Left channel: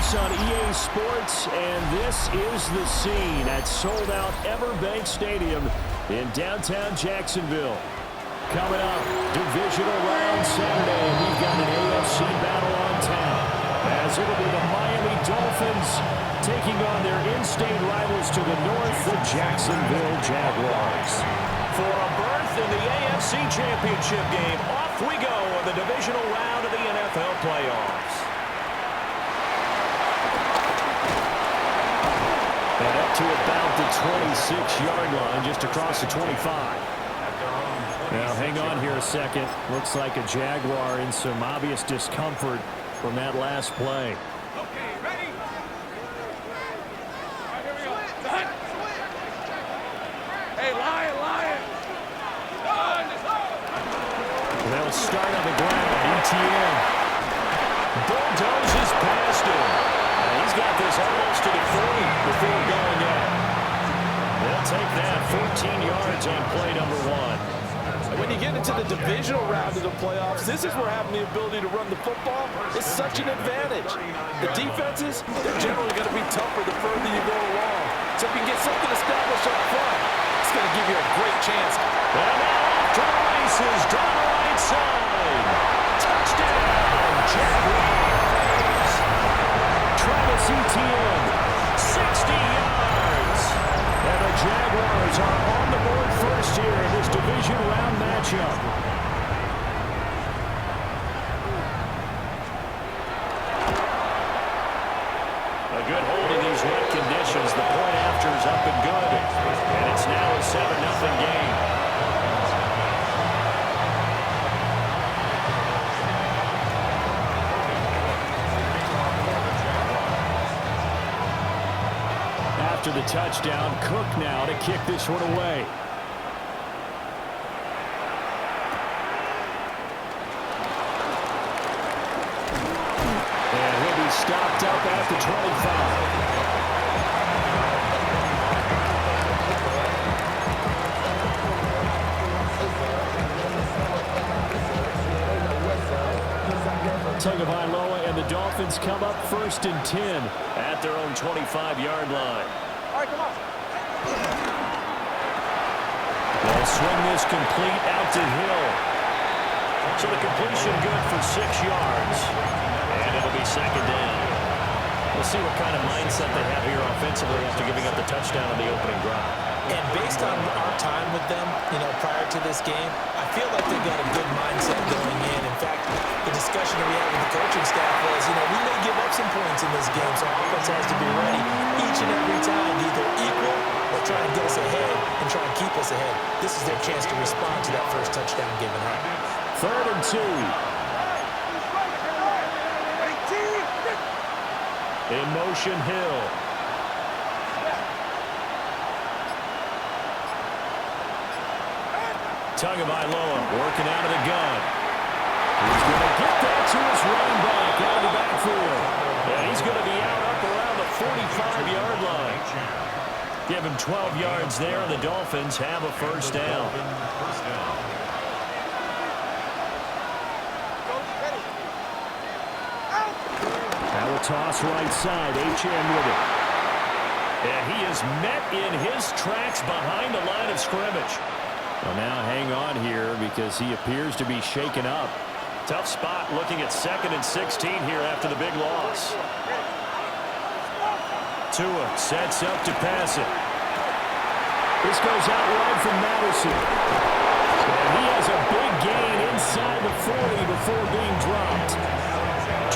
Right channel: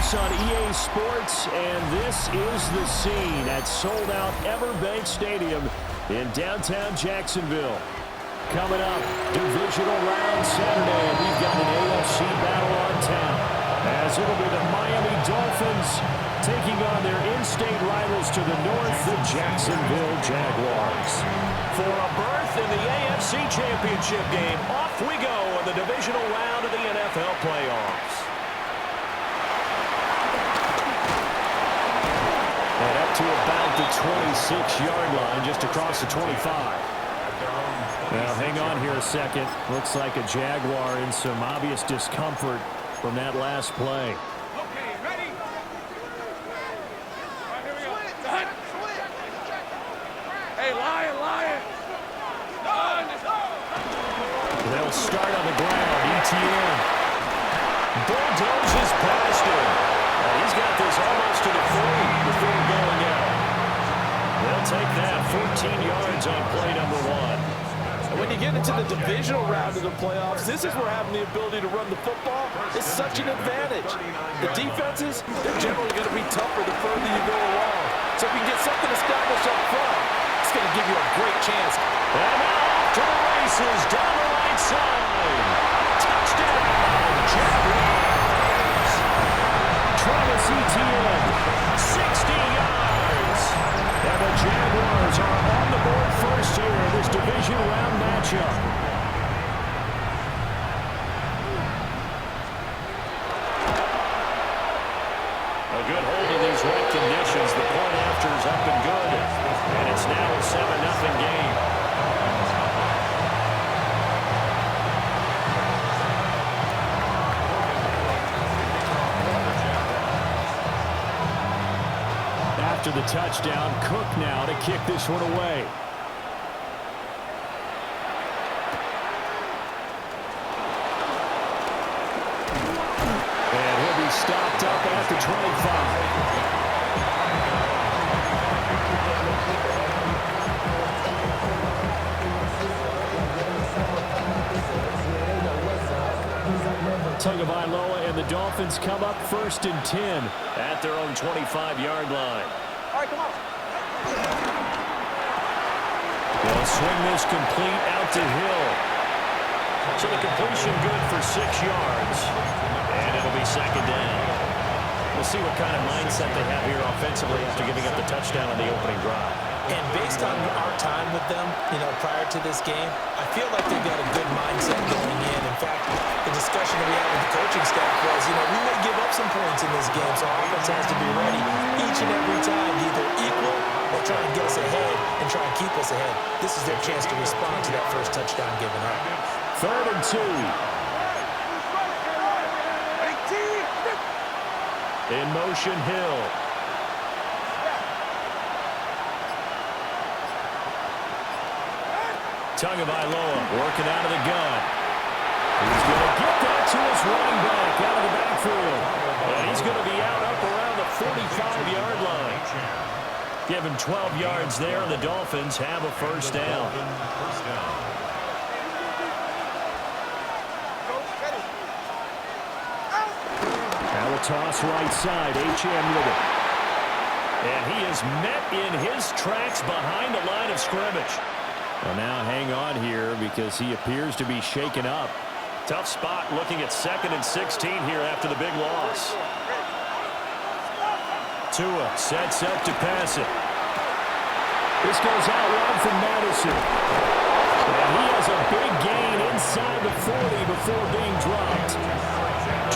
Sports on EA Sports, and this is the scene at sold-out Everbank Stadium in downtown Jacksonville. Coming up, Divisional round Saturday, and we've got an AFC battle on tap, as it'll be the Miami Dolphins taking on their in-state rivals to the north, the Jacksonville Jaguars. For a berth in the AFC Championship game, off we go on the Divisional round of the NFL playoffs. And up to about the 26-yard line, just across the 25. Now, hang on here a second. Looks like a Jaguar in some obvious discomfort from that last play. Okay, ready? All right, here we go. Hey, Lion. Done. They'll start on the ground. ETN bulldozes past him. He's got this almost to the 40 before going out. They'll take that 14 yards on play number one. And when you get into the divisional round of the playoffs, this is where having the ability to run the football is such an advantage. The defenses, they're generally going to be tougher the further you go along. So if you can get something established up front, it's going to give you a great chance. And now off to the races down the right side. Touchdown, Jaguars. Travis Etienne, 60 yards. And the Jaguars are on the board first here in this division round matchup. A good hold in these wet conditions. The point after is up and good. And it's now a 7-0 game. After the touchdown, Cook now to kick this one away. And he'll be stopped up at the 25. Tagovailoa and the Dolphins come up 1st and 10 at their own 25-yard line. All right, come on. They'll swing this complete out to Hill. So the completion good for 6 yards. And it'll be 2nd down. We'll see what kind of mindset they have here offensively after giving up the touchdown on the opening drive. And based on our time with them, prior to this game, I feel like they've got a good mindset going in. In fact, the discussion that we had with the coaching staff was, we may give up some points in this game, so offense has to be ready each and every time to either equal or try and get us ahead and try and keep us ahead. This is their chance to respond to that first touchdown given up. 3rd and 2. In motion, Hill. Tagovailoa working out of the gun. He's going to get that to his running back out of the backfield. And he's going to be out up around the 45-yard line. Give him 12 yards there, and the Dolphins have a 1st down. Now a toss right side, H.M. with it. And he is met in his tracks behind the line of scrimmage. Well, now hang on here because he appears to be shaken up. Tough spot looking at 2nd and 16 here after the big loss. Tua sets up to pass it. This goes out wide from Madison. And he has a big gain inside the 40 before being dropped.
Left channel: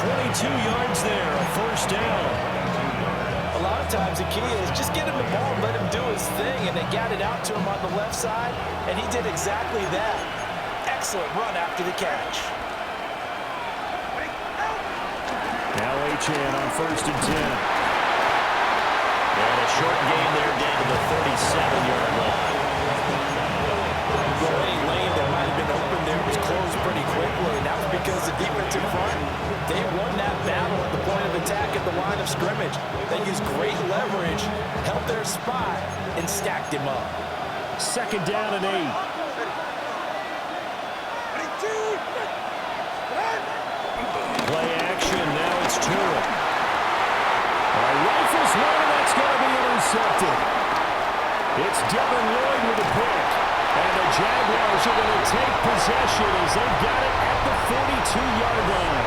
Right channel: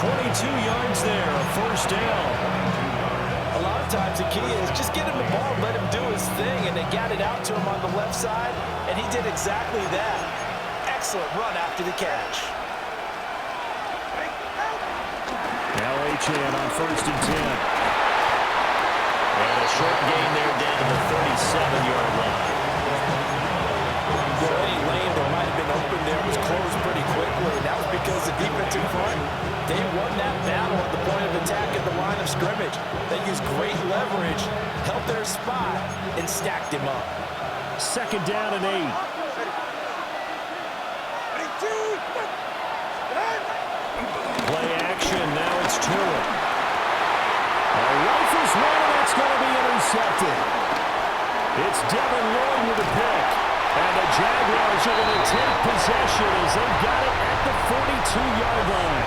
22 yards there, a 1st down. A lot of times the key is just get him the ball and let him do his thing, and they got it out to him on the left side, and he did exactly that. Excellent run after the catch. Now H.N. on 1st and 10. And a short gain there down to the 37-yard line. Well, any lane that might have been open there was closed pretty quickly, and that was because the defense in front, they won that battle at the point of attack at the line of scrimmage. They used great leverage, held their spot, and stacked him up. 2nd down and 8. Play action, now it's Tua. one, and that's going to be intercepted. It's Devin Lloyd with a pick. And the Jaguars are going to take possession as they've got it at the 42-yard line.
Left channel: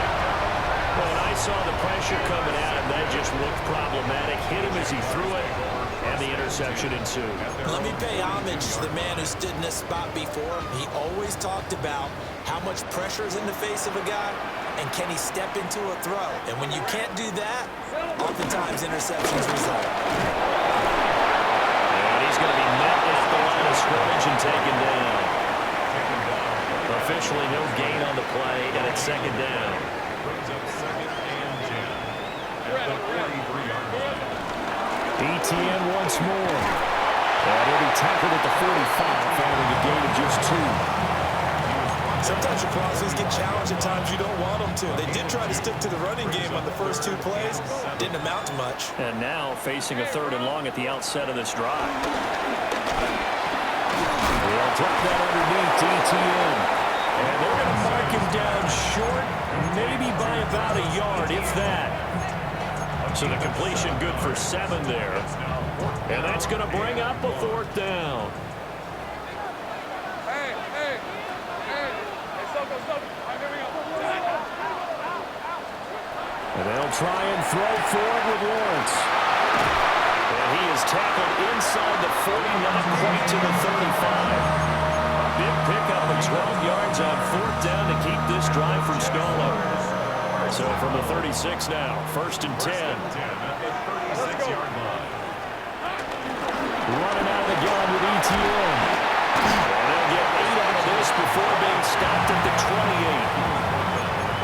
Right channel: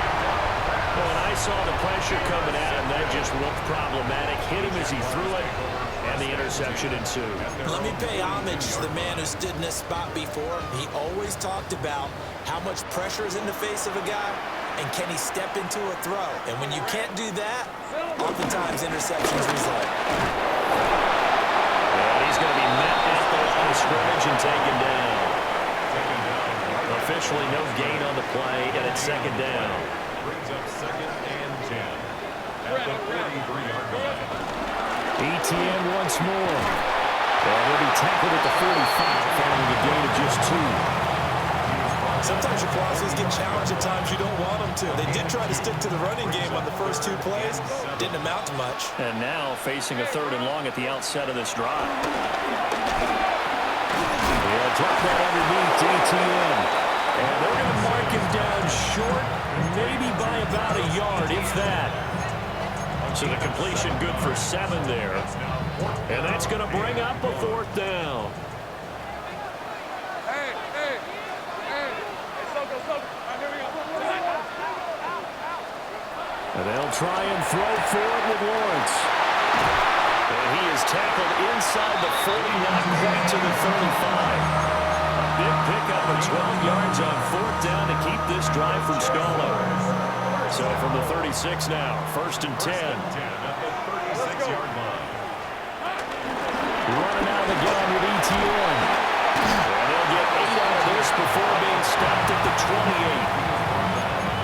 Well, and I saw the pressure coming at him. That just looked problematic. Hit him as he threw it, and the interception ensued. Let me pay homage to the man who stood in this spot before. He always talked about how much pressure is in the face of a guy, and can he step into a throw. And when you can't do that, oftentimes interceptions result. And he's going to be met at the line of scrimmage and taken down. Officially no gain on the play, and it's second down. Brings up 2nd and 10 at the 43-yard line. ETN once more. And he'll be tackled at the 45 following a gain of just 2. Sometimes your philosophies get challenged at times you don't want them to. They did try to stick to the running game on the first 2 plays. Didn't amount to much. And now facing a 3rd and long at the outset of this drive. They'll drop that underneath to ETN. And they're going to mark him down short, maybe by about a yard, if that. So the completion good for 7 there. And that's going to bring up a 4th down. Hey, Soko. All right, here we go. And they'll try and throw for it with Lawrence. And he is tackled inside the 40, not quite to the 35. Big pickup of 12 yards on 4th down to keep this drive from stalling. So from the 36 now, 1st and 10. At the 36-yard line. Running out of the gun with ETN. And they'll get 8 out of this before being stopped at the 28.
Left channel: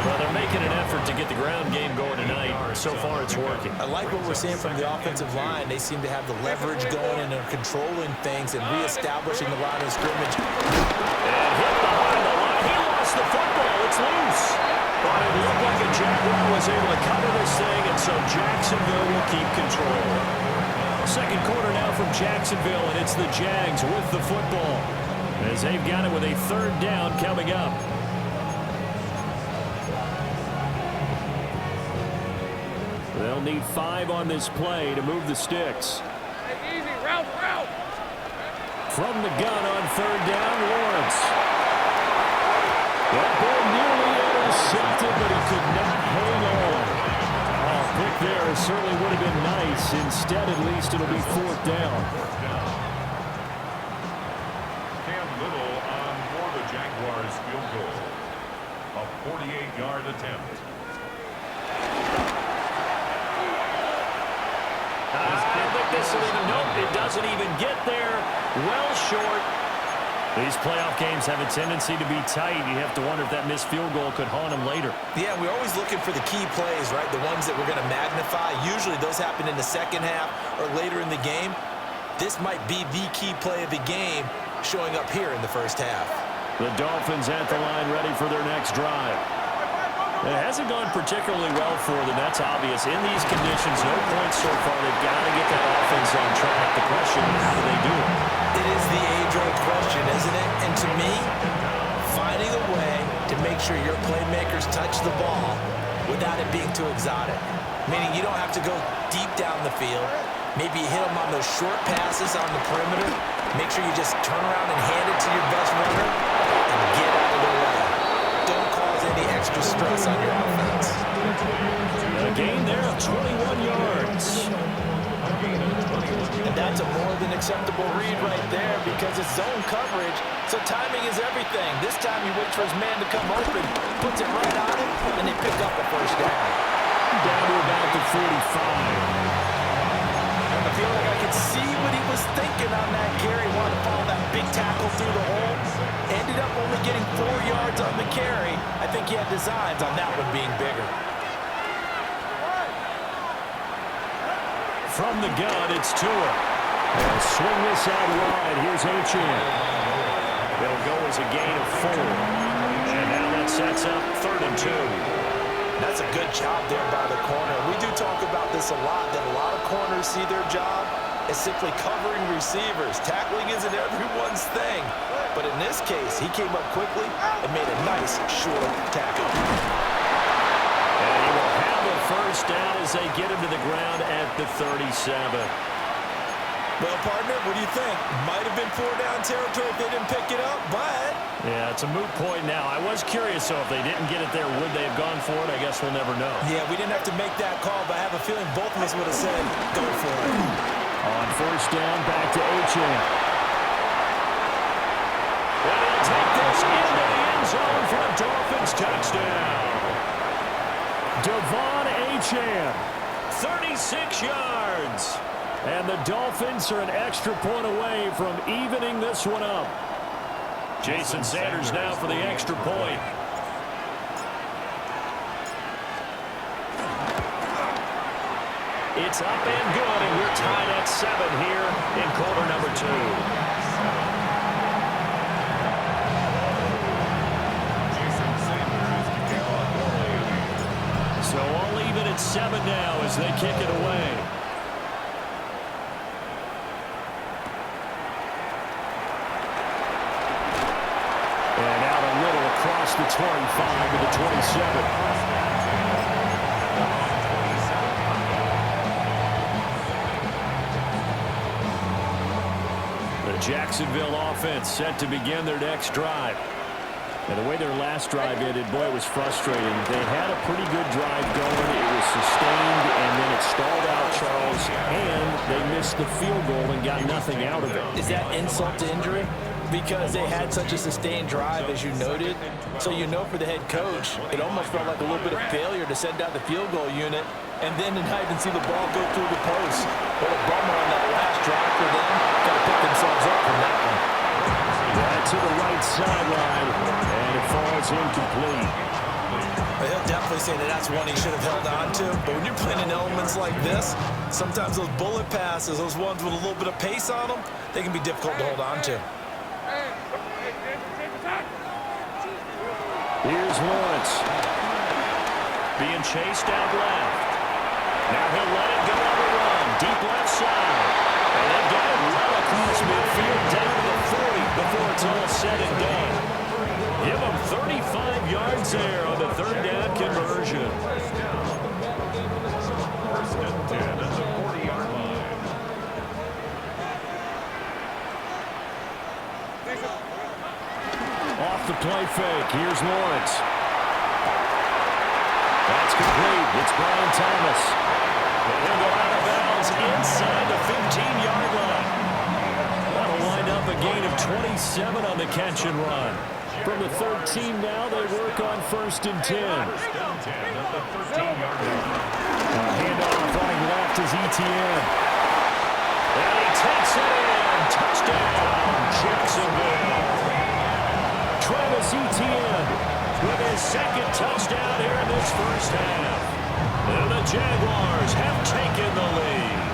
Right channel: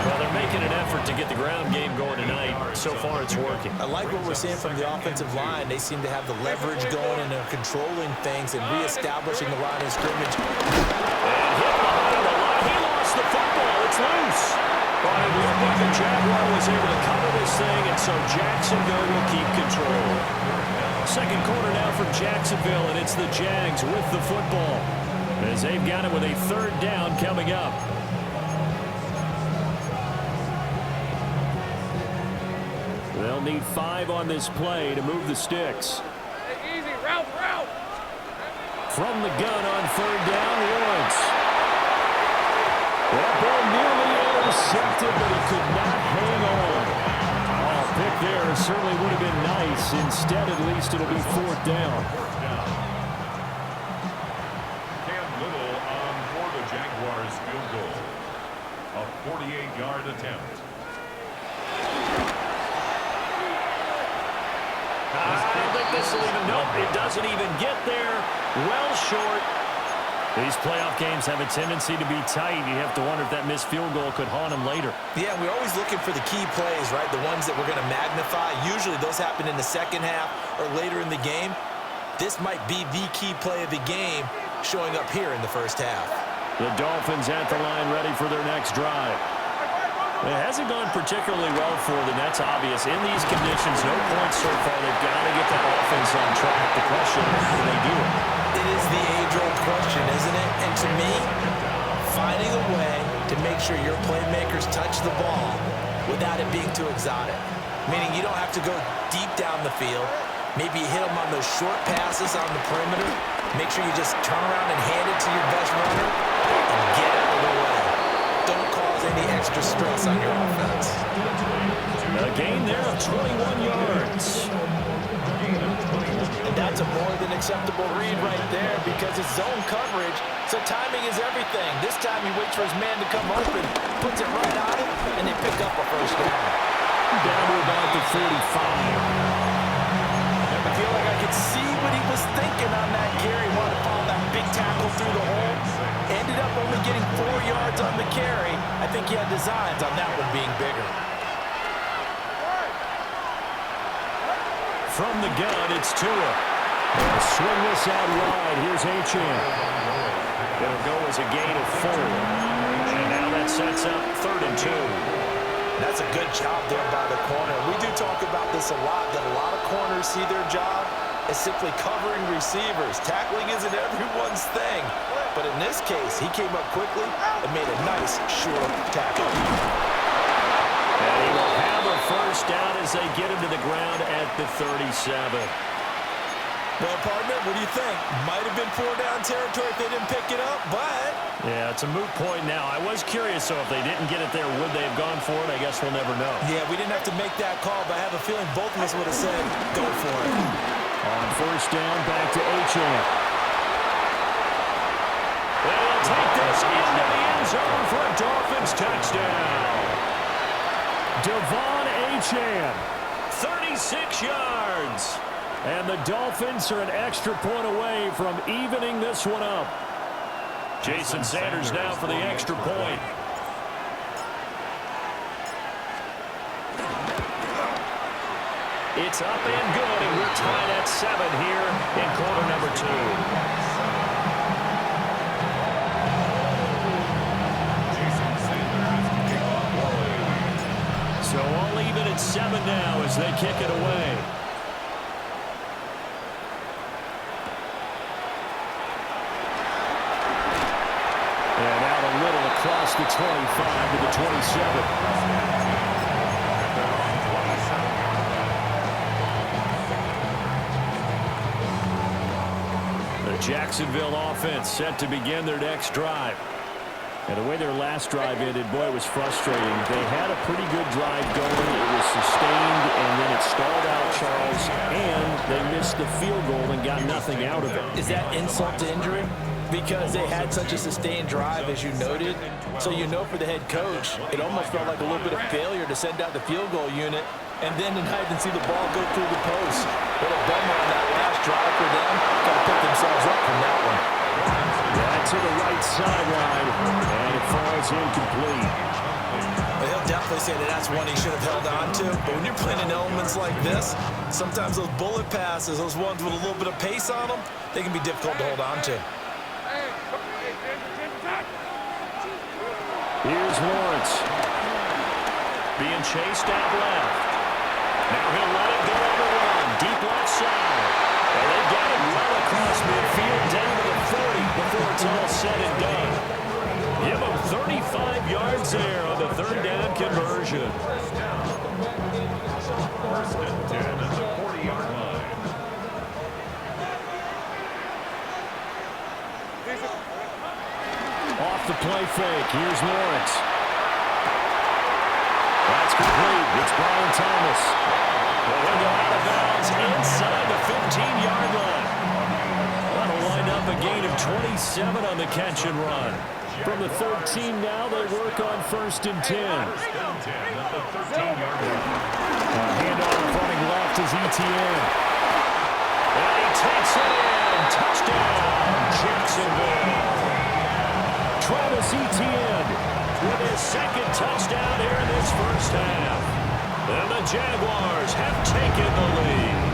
Well, they're making an effort to get the ground game going tonight. So far, it's working. I like what we're seeing from the offensive line. They seem to have the leverage going and are controlling things and reestablishing the line of scrimmage. And hit behind the line. He lost the football. It's loose. But it looked like a Jaguar was able to cover this thing, and so Jacksonville will keep control. Second quarter now from Jacksonville, and it's the Jags with the football as they've got it with a 3rd down coming up. They'll need 5 on this play to move the sticks. Hey, easy, route. From the gun on 3rd down, Lawrence. That ball nearly intercepted, but he could not hang on. Oh, pick there certainly would have been nice. Instead, at least, it'll be 4th down. Cam Little on for the Jaguars field goal. A 48-yard attempt. I don't think this will even, nope, it doesn't even get there. Well short. These playoff games have a tendency to be tight. You have to wonder if that missed field goal could haunt them later. Yeah, we're always looking for the key plays, right? The ones that we're going to magnify. Usually those happen in the second half or later in the game. This might be the key play of the game showing up here in the first half. The Dolphins at the line ready for their next drive. It hasn't gone particularly well for them. That's obvious. In these conditions, no points so far. They've got to get that offense on track. The question, how do they do it? It is the age-old question, isn't it? And to me, finding a way to make sure your playmakers touch the ball without it being too exotic. Meaning you don't have to go deep down the field. Maybe you hit them on those short passes on the perimeter. Make sure you just turn around and hand it to your best runner and get out of the way. Don't cause any extra stress on your offense. A gain there of 21 yards. And that's a more than acceptable read right there because it's zone coverage, so timing is everything. This time he waits for his man to come open, puts it right on him, and they pick up a 1st down. Down to about the 45. I feel like I could see what he was thinking on that carry. Wanted to follow that big tackle through the hole. Ended up only getting 4 yards on the carry. I think he had designs on that one being bigger. From the gun, it's Tua. They'll swing this out wide. Here's Achane. It'll go as a gain of 4. And now that sets up 3rd and 2. That's a good job there by the corner. We do talk about this a lot, that a lot of corners see their job as simply covering receivers. Tackling isn't everyone's thing. But in this case, he came up quickly and made a nice, short tackle. And he will have a first down as they get him to the ground at the 37. Well, partner, what do you think? Might have been 4-down territory if they didn't pick it up, but... Yeah, it's a moot point now. I was curious, so if they didn't get it there, would they have gone for it? I guess we'll never know. Yeah, we didn't have to make that call, but I have a feeling both of us would have said, go for it. On first down, back to Achane. And he'll take this into the end zone for a Dolphins touchdown. Devon Achane. 36 yards. And the Dolphins are an extra point away from evening this one up. Jason Sanders now for the extra point. It's up and good, and we're tied at 7 here in quarter number 2. Jason Sanders to kick off for Miami. So all even at 7 now as they kick it away. And out a little across the 25 to the 27. The Jacksonville offense set to begin their next drive. And the way their last drive ended, boy, it was frustrating. They had a pretty good drive going. It was sustained, and then it stalled out, Charles, and they missed the field goal and got nothing out of it. Is that insult to injury? Because they had such a sustained drive, as you noted. So you know for the head coach, it almost felt like a little bit of failure to send out the field goal unit and then to not even see the ball go through the post. What a bummer on that last drive for them. Got to pick themselves up from that one. Yeah, to the right sideline, and it falls incomplete. But he'll definitely say that that's one he should have held on to. But when you're playing in elements like this, sometimes those bullet passes, those ones with a little bit of pace on them, they can be difficult to hold on to. Here's Lawrence. Being chased out left. Now he'll let it go on the run. Deep left side. And they've got it well across midfield down to the 40 before it's all said and done. Give them 35 yards there on the third down conversion. First and 10 at the 40-yard line. Off the play fake. Here's Lawrence. That's complete. It's Brian Thomas. And he'll go out of bounds inside the 15-yard line. That'll wind up a gain of 27 on the catch and run. From the 13 now, they work on first and 10. First and 10 at the 13-yard line. Handoff running left is Etienne. And he takes it in. Touchdown, Jacksonville. Travis Etienne With his second touchdown here in this first half. And the Jaguars have taken the lead.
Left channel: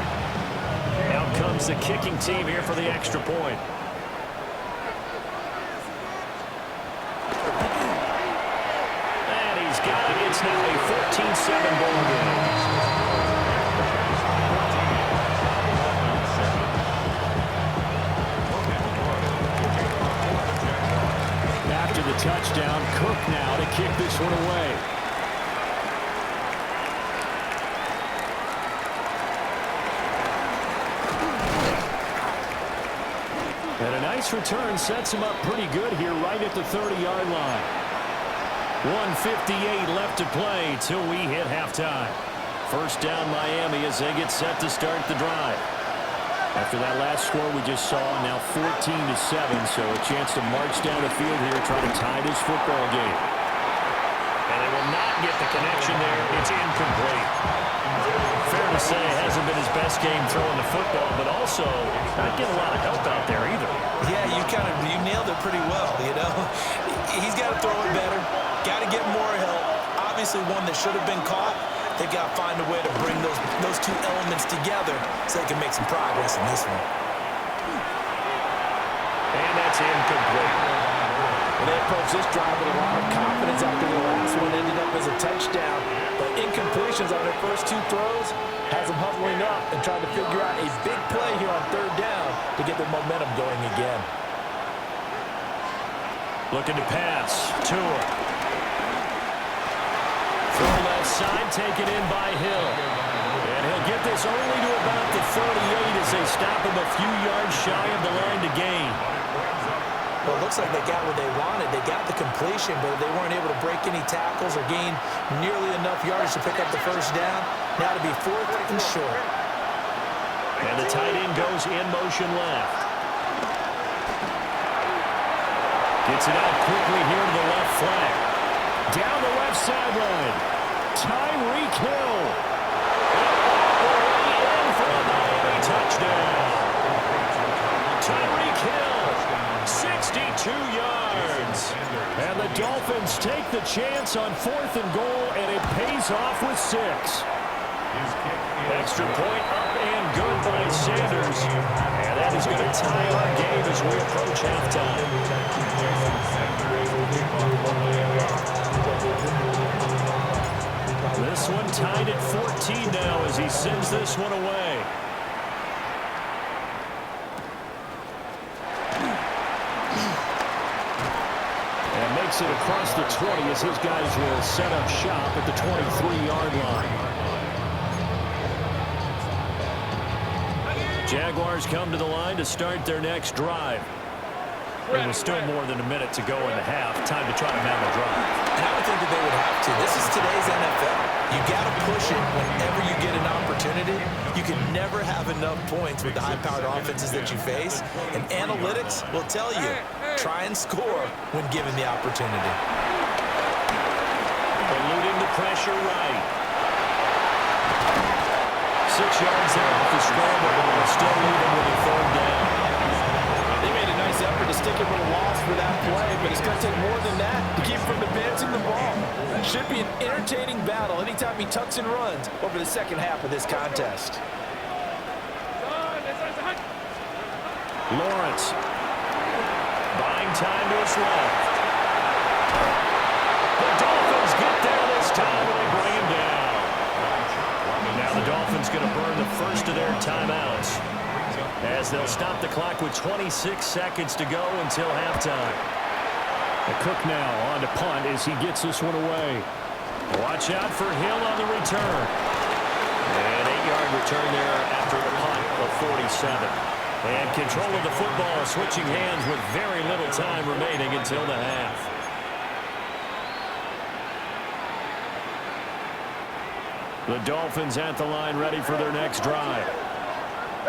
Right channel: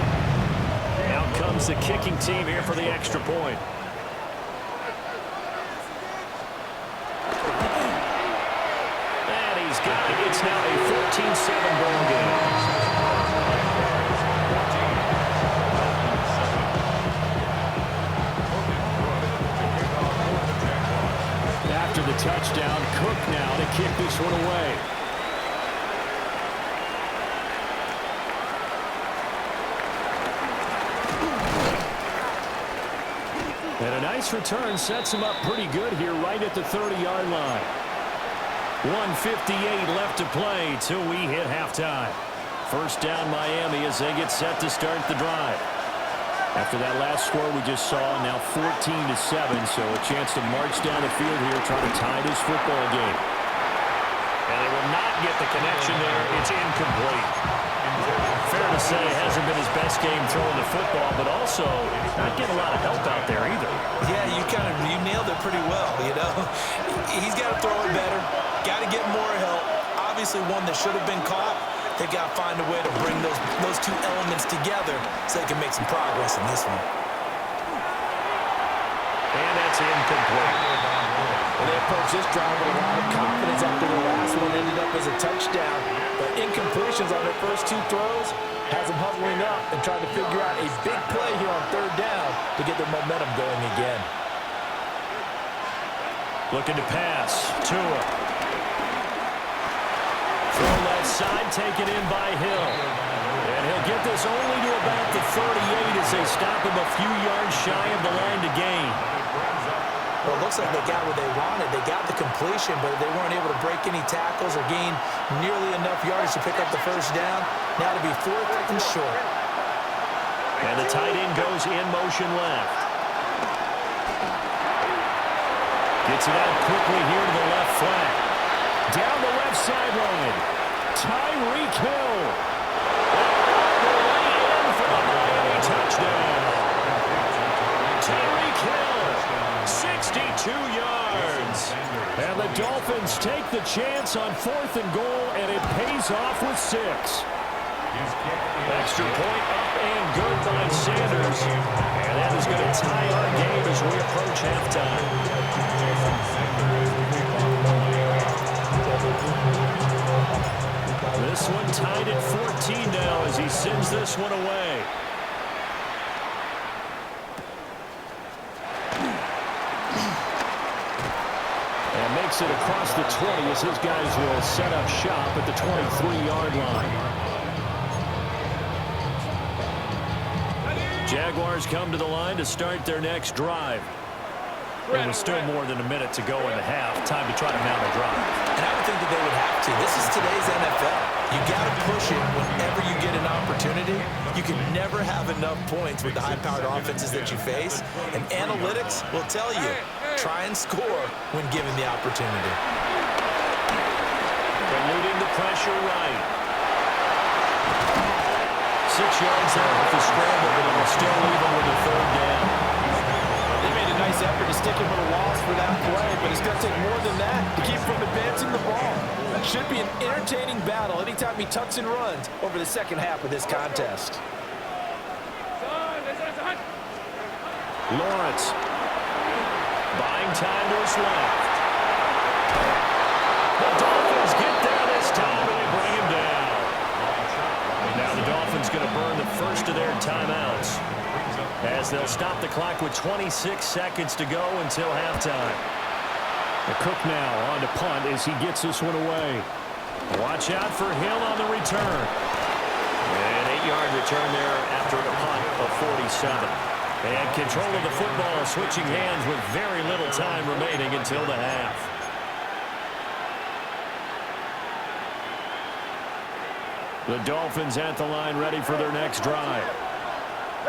Out comes the kicking team here for the extra point. And he's got it. It's now a 14-7 ball game. After the touchdown, Cook now to kick this one away. And a nice return sets him up pretty good here right at the 30-yard line. 1:58 left to play till we hit halftime. First down Miami as they get set to start the drive. After that last score we just saw, now 14-7, so a chance to march down the field here, try to tie this football game. And they will not get the connection there. It's incomplete. Fair to say, hasn't been his best game throwing the football, but also not getting a lot of help out there either. Yeah, you nailed it pretty well, you know. He's got to throw it better. Got to get more help. Obviously one that should have been caught. They've got to find a way to bring those two elements together so they can make some progress in this one. And that's incomplete. Well, they approached this drive with a lot of confidence after the last one ended up as a touchdown. But incompletions on their first two throws has them huddling up and trying to figure out a big play here on third down to get their momentum going again. Looking to pass. Tua. Throw left side, taken in by Hill. And he'll get this only to about the 38 as they stop him a few yards shy of the line to gain. Well, it looks like they got what they wanted. They got the completion, but they weren't able to break any tackles or gain nearly enough yards to pick up the first down. Now to be 4th and short. And the tight end goes in motion left. Gets it out quickly here to the left flat. Down the left sideline. Tyreek Hill. All the way in for a Miami touchdown. Tyreek Hill, 62 yards. And the Dolphins take the chance on 4th and goal, and it pays off with 6. Extra point up and good by Sanders. And that is going to tie our game as we approach halftime. This one tied at 14 now as he sends this one away. And makes it across the 20 as his guys will set up shop at the 23-yard line. Jaguars come to the line to start their next drive. There was still more than a minute to go in the half. Time to try to mount a drive. And I would think that they would have to. This is today's NFL. You got to push it whenever you get an opportunity. You can never have enough points with the high-powered offenses that you face. And analytics will tell you, try and score when given the opportunity. Eluding the pressure right. 6 yards there off the scramble, but it will still leave him with a 3rd down. They made a nice effort to stick him with a loss for that play, but it's going to take more than that to keep him from advancing the ball. Should be an entertaining battle anytime he tucks and runs over the second half of this contest. Lawrence. Buying time to his left. The Dolphins get there this time, and they bring him down. Now the Dolphins going to burn the first of their timeouts as they'll stop the clock with 26 seconds to go until halftime. The Cook now on to punt as he gets this one away. Watch out for Hill on the return. An 8-yard return there after a punt of 47. And control of the football switching hands with very little time remaining until the half. The Dolphins at the line ready for their next drive.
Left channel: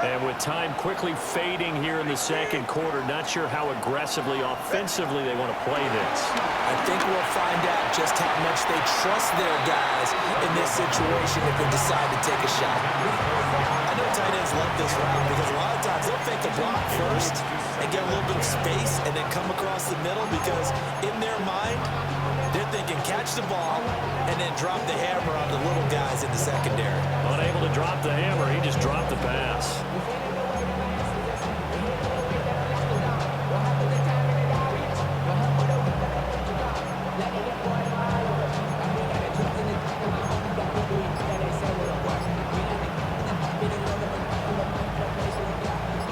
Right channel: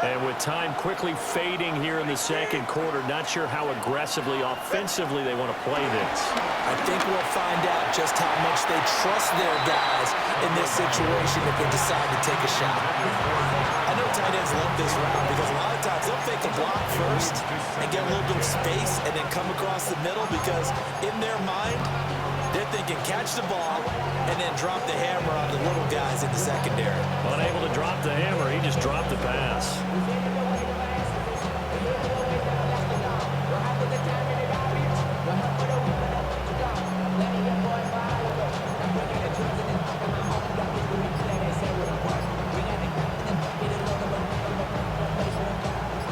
And with time quickly fading here in the second quarter, not sure how aggressively, offensively they want to play this. I think we'll find out just how much they trust their guys in this situation if they decide to take a shot. I know tight ends love this route because a lot of times they'll fake the block first and get a little bit of space and then come across the middle because in their mind, they're thinking catch the ball and then drop the hammer on the little guys in the secondary. Unable to drop the hammer, he just dropped the pass.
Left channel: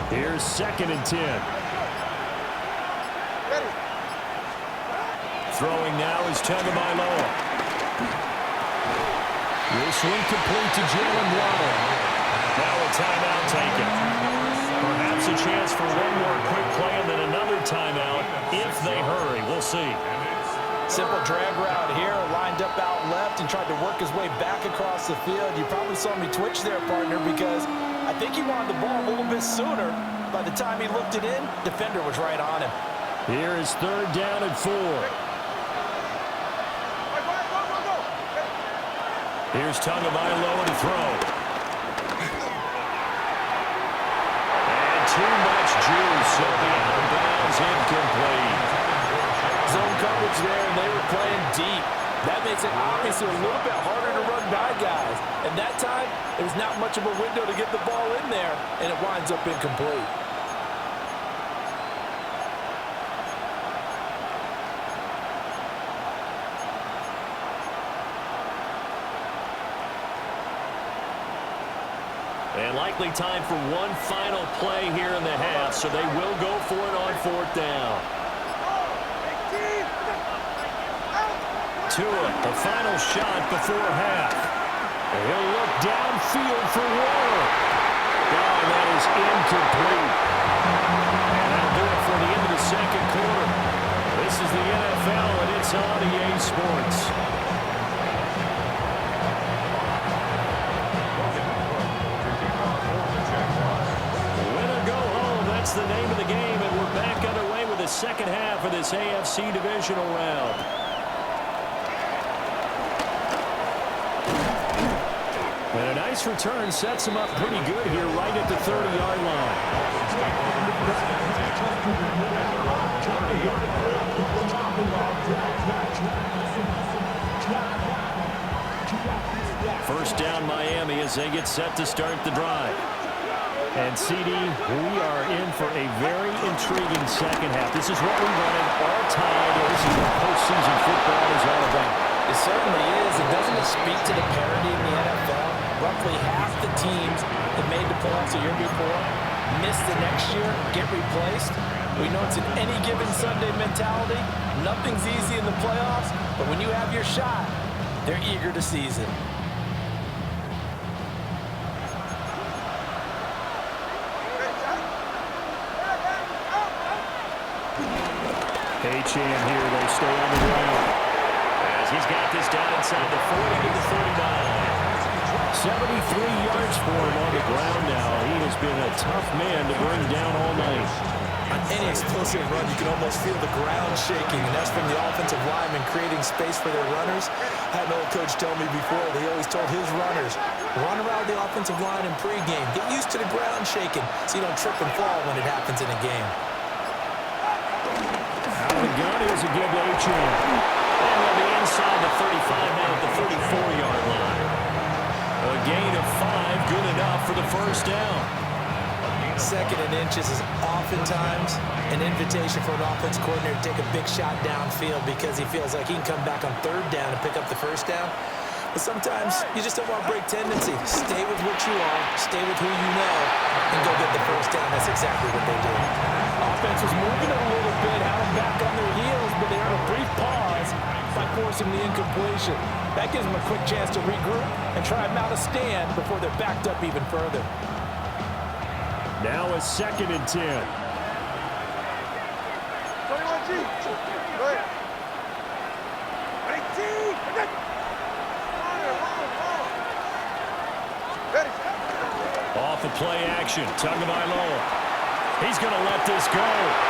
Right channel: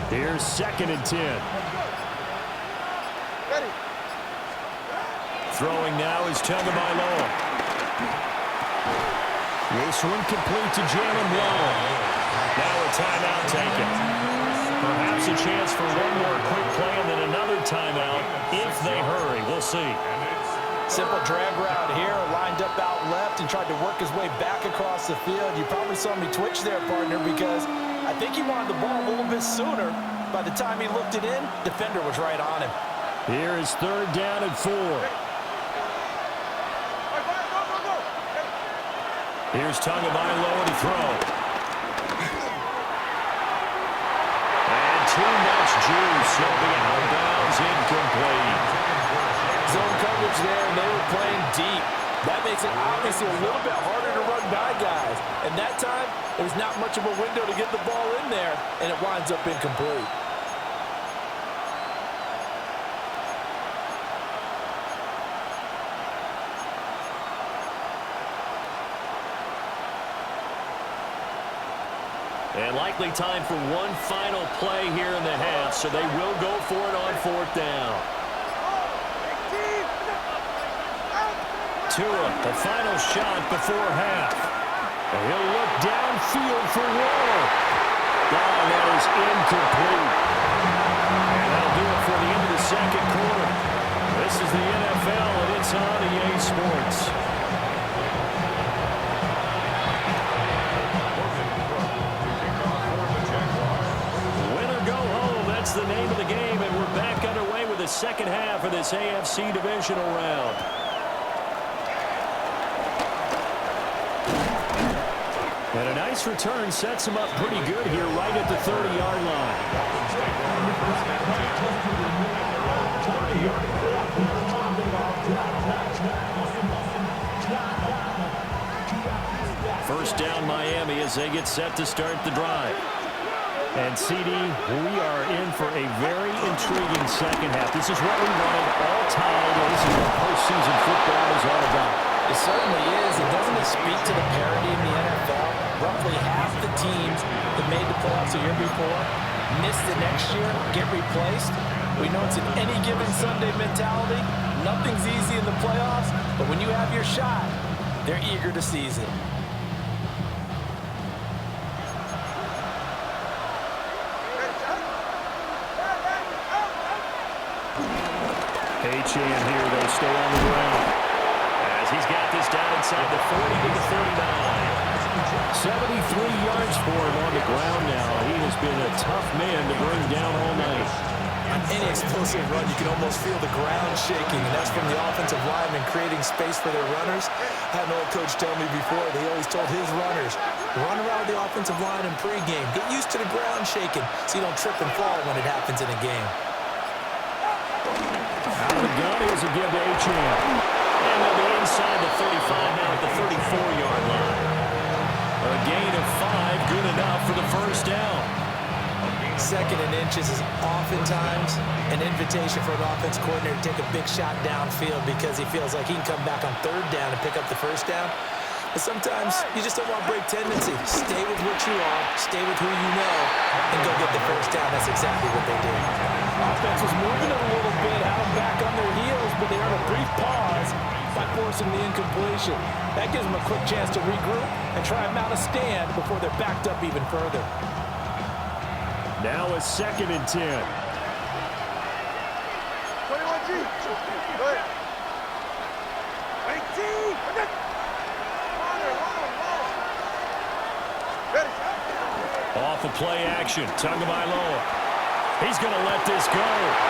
Here's 2nd and 10. Throwing now is Tagovailoa. This one complete to Jalen Waddle. Now a timeout taken. Perhaps a chance for one more quick play and then another timeout if they hurry. We'll see. Simple drag route here, lined up out left and tried to work his way back across the field. You probably saw me twitch there, partner, because I think he wanted the ball a little bit sooner. By the time he looked it in, defender was right on him. Here is 3rd down and 4. Here's Tagovailoa to throw. And too much juice. He'll be out of bounds, incomplete. Zone coverage there, and they were playing deep. That makes it obviously a little bit harder to run by guys. And that time, there's not much of a window to get the ball in there, and it winds up incomplete. And likely time for one final play here in the half, so they will go for it on 4th down. 2 Tua, the final shot before half. And he'll look downfield for Waller. Oh, that is incomplete. And that'll do it for the end of the second quarter. This is the NFL, and it's on EA Sports. Win or go home, that's the name of the game, and we're back underway with the second half of this AFC Divisional round. And a nice return sets him up pretty good here right at the 30-yard line. Dolphins take over first and 10 at their own 30-yard line. First down Miami as they get set to start the drive. And CD, we are in for a very intriguing second half. This is what we wanted all tied. This is what postseason football is all about. It certainly is. And doesn't it speak to the parity in the NFL? Roughly half the teams that made the playoffs the year before miss the next year, get replaced. We know it's an any given Sunday mentality. Nothing's easy in the playoffs, but when you have your shot, they're eager to seize it. H-Chan here, they stay on the ground. As he's got this down inside the 40 to the 39. 73 yards for him on the ground now. He has been a tough man to bring down all night. On any explosive run, you can almost feel the ground shaking, and that's from the offensive linemen creating space for their runners. I had an old coach tell me before, they always told his runners, run around the offensive line in pregame. Get used to the ground shaking so you don't trip and fall when it happens in a game. Out of the gun, here's a give to H-Chan. And they'll be inside the 35 now at the 34-yard line. A gain of 5, good enough for the first down. Second and inches is oftentimes an invitation for an offense coordinator to take a big shot downfield because he feels like he can come back on third down and pick up the first down. But sometimes you just don't want to break tendency. Stay with what you are, stay with who you know, and go get the first down. That's exactly what they did. Offense was moving it a little bit, had them back on their heels, but they earned a brief pause by forcing the incompletion. That gives them a quick chance to regroup and try and mount a stand before they're backed up even further. Now a 2nd and 10. 21G. Go ahead. 18. Ready. Off of play action, Tagovailoa. He's going to let this go.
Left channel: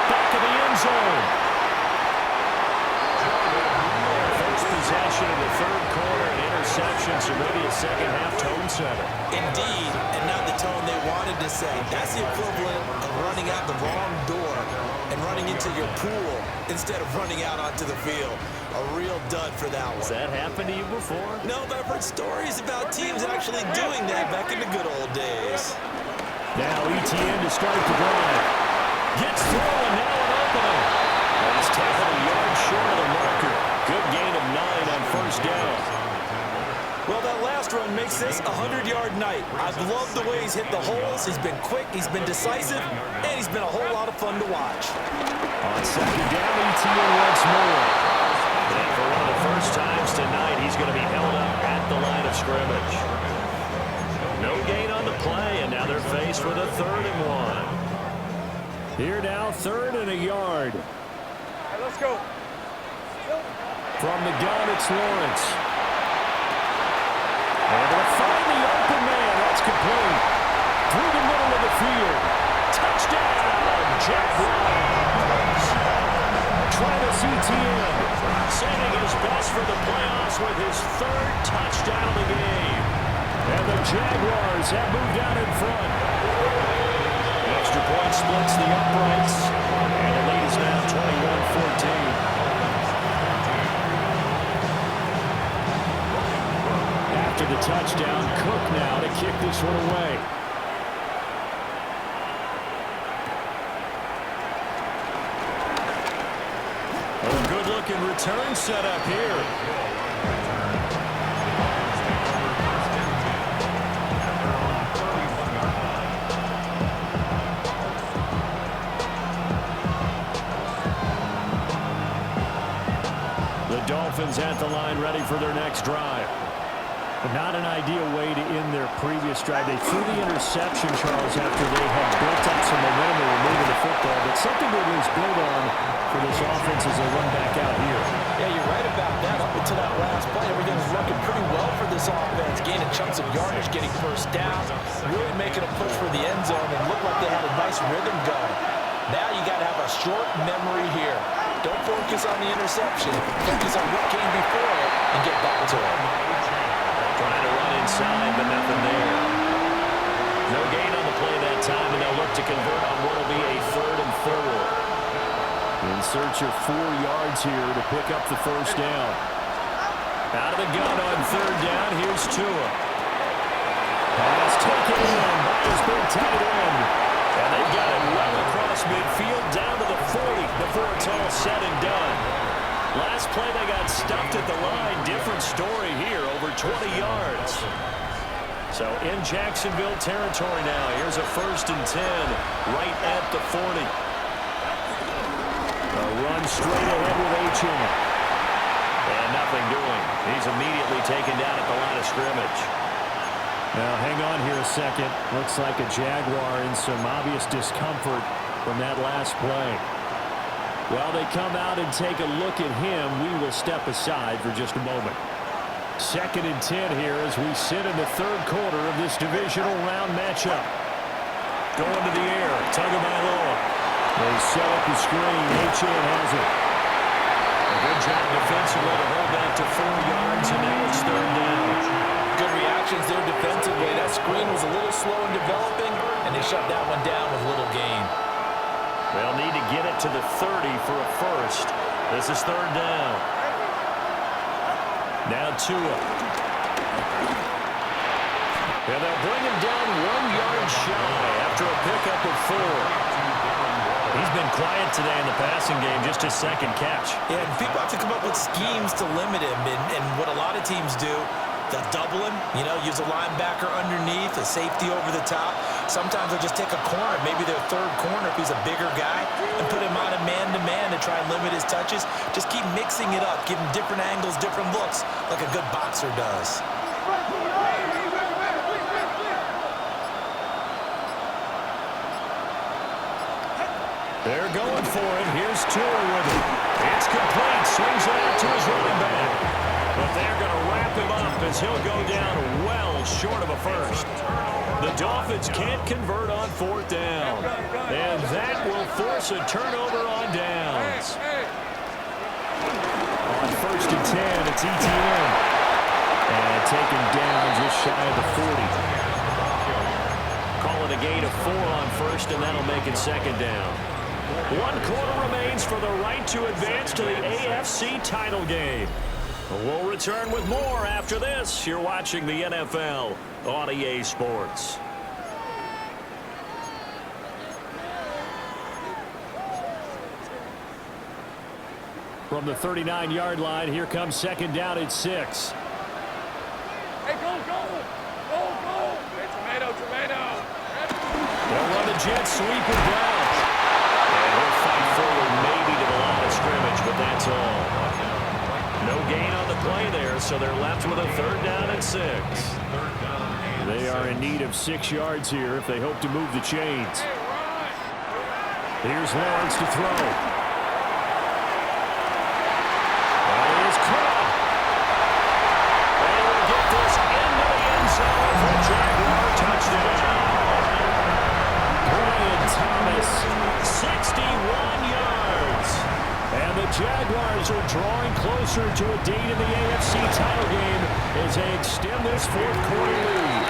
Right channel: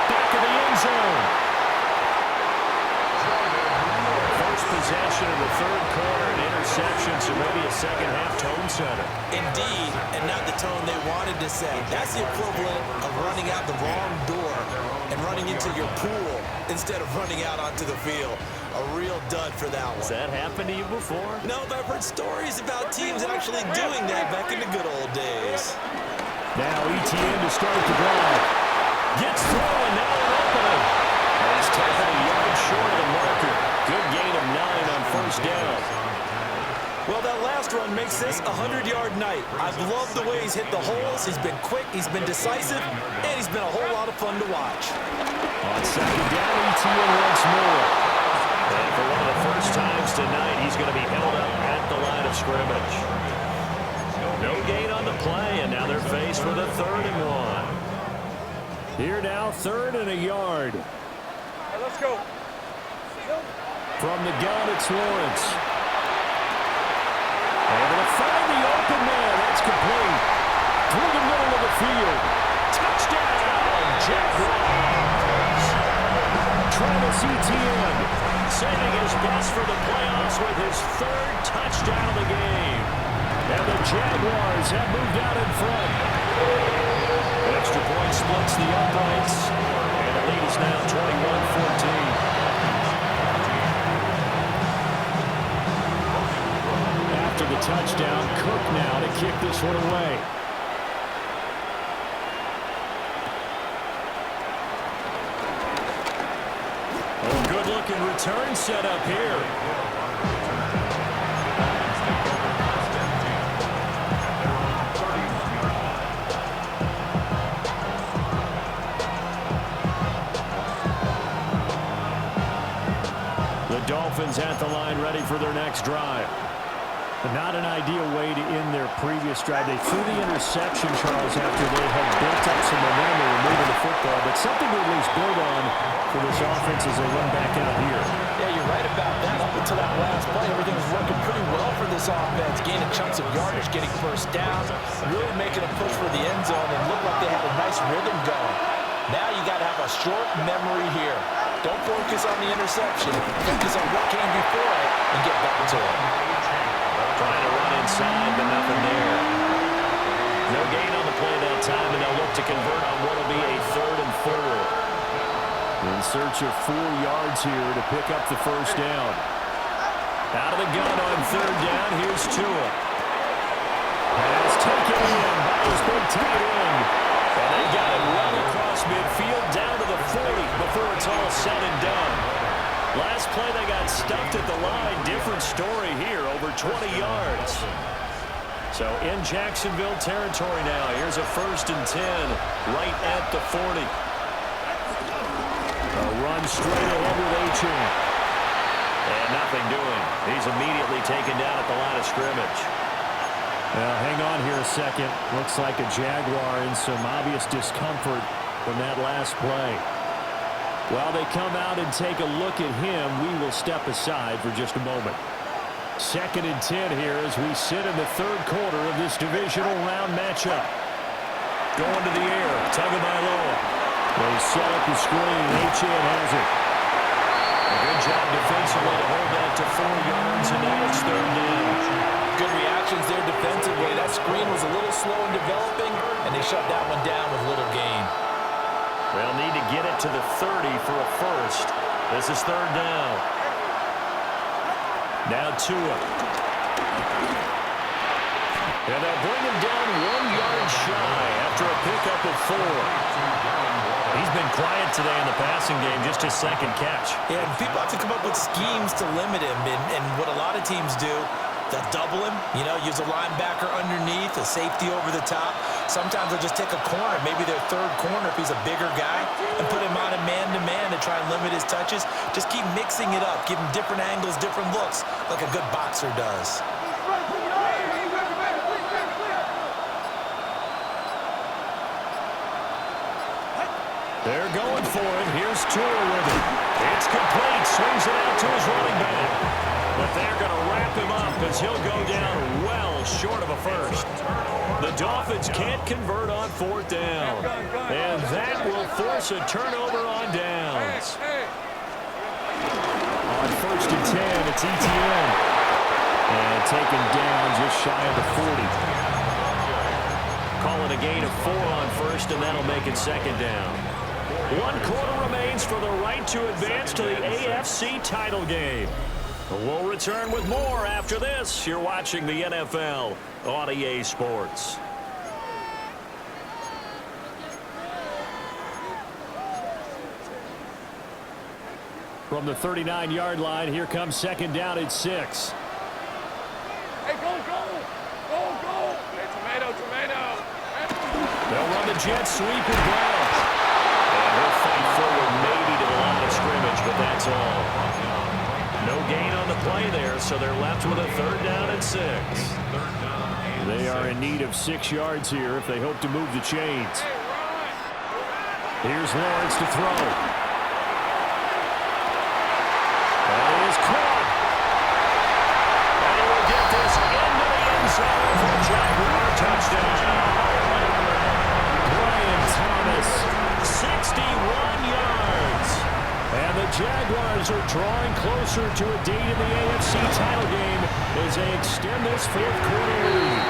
Back of the end zone. First possession of the third quarter, an interception, so maybe a second-half tone setter. Indeed, and not the tone they wanted to set. That's the equivalent of running out the wrong door and running into your pool instead of running out onto the field. A real dud for that one. Has that happened to you before? No, but I've heard stories about teams actually doing that back in the good old days. Now ETN to start the drive. Gets through, and now an opening. And he's tackled a yard short of the marker. Good gain of 9 on first down. Well, that last run makes this a 100-yard night. I've loved the way he's hit the holes. He's been quick, he's been decisive, and he's been a whole lot of fun to watch. On second down, ETN once more. And for one of the first times tonight, he's going to be held up at the line of scrimmage. No gain on the play, and now they're faced with a 3rd and 1. Here now, 3rd and a yard. All right, let's go. From the gun, it's Lawrence. Able to find the open man. That's complete. Through the middle of the field. Touchdown, Jaguars. Travis Etienne Saving his best for the playoffs with his 3rd touchdown of the game. And the Jaguars have moved out in front. Extra point splits the uprights. And the lead is now 21-14. After the touchdown, Cook now to kick this one away. Oh, good-looking return set up here. The Dolphins at the line, ready for their next drive. But not an ideal way to end their previous drive. They threw the interception, Charles, after they had built up some momentum. They were moving the football, but something to at least build on for this offense as they run back out here. Yeah, you're right about that. Up until that last play, everything was working pretty well for this offense. Gaining chunks of yardage, getting first down, really making a push for the end zone, and looked like they had a nice rhythm going. Now you got to have a short memory here. Don't focus on the interception. Focus on what came before it and get back to it. Trying to run inside, but nothing there. No gain on the play that time, and they'll look to convert on what will be a 3rd and 4. In search of 4 yards here to pick up the first down. Out of the gun on 3rd down. Here's Tua. Pass taken in by his big tight end. And they got it well across midfield down to the 40 before it's all said and done. Last play, they got stuffed at the line. Different story here, over 20 yards. So in Jacksonville territory now. Here's a 1st and 10 right at the 40. A run straight ahead with Achane. And nothing doing. He's immediately taken down at the line of scrimmage. Now, hang on here a second. Looks like a Jaguar in some obvious discomfort from that last play. While they come out and take a look at him, we will step aside for just a moment. 2nd and 10 here as we sit in the 3rd quarter of this divisional round matchup. Going to the air, Tagovailoa. They set up the screen. Achane has it. A good job defensively to hold that to 4 yards, and now it's 3rd down. Good reactions there defensively. That screen was a little slow in developing, and they shut that one down with little gain. They'll need to get it to the 30 for a first. This is 3rd down. Now Tua. And they'll bring him down 1 yard shy after a pickup of 4. He's been quiet today in the passing game, just his 2nd catch. Yeah, and people have to come up with schemes to limit him, and what a lot of teams do, they'll double him, use a linebacker underneath, a safety over the top. Sometimes they'll just take a corner, maybe their 3rd corner if he's a bigger guy, and put him on a man-to-man to try and limit his touches. Just keep mixing it up, give him different angles, different looks, like a good boxer does. They're going for it. Here's Tua with it. It's complete. Swings it out to his running back. But they're going to wrap him up as he'll go down well short of a first. The Dolphins can't convert on 4th down. And that will force a turnover on downs. On 1st and 10, it's ETN. And taken down just shy of the 40. Call it a gain of 4 on 1st, and that'll make it 2nd down. 1 quarter remains for the right to advance to the AFC title game. We'll return with more after this. You're watching the NFL on EA Sports. From the 39-yard line, here comes 2nd down at 6. Hey, go, go! Go, go! Hey, tomato! They'll run the jet sweep with Brown. And he'll fight forward maybe to the line of scrimmage, but that's all. No gain on the play there, so they're left with a 3rd down and 6. They are in need of 6 yards here if they hope to move the chains. Here's Lawrence to throw. That is caught. And he will get this into the end zone for a Jaguar touchdown. Brian Thomas, 61 yards. And the Jaguars are drawing closer to a date in the AFC title game as they extend this 4th quarter lead.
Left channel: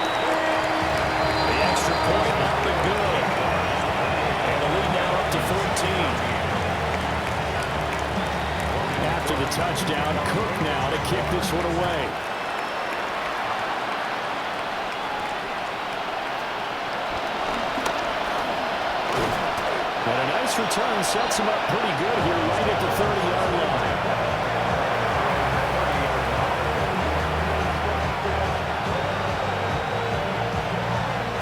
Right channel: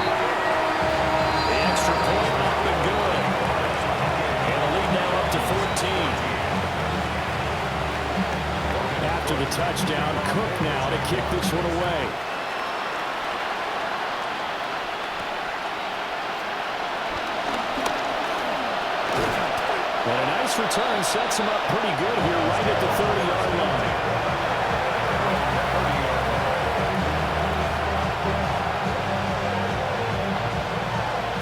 The extra point up and good. And the lead now up to 14. After the touchdown, Cook now to kick this one away. And a nice return sets him up pretty good here right at the 30-yard line.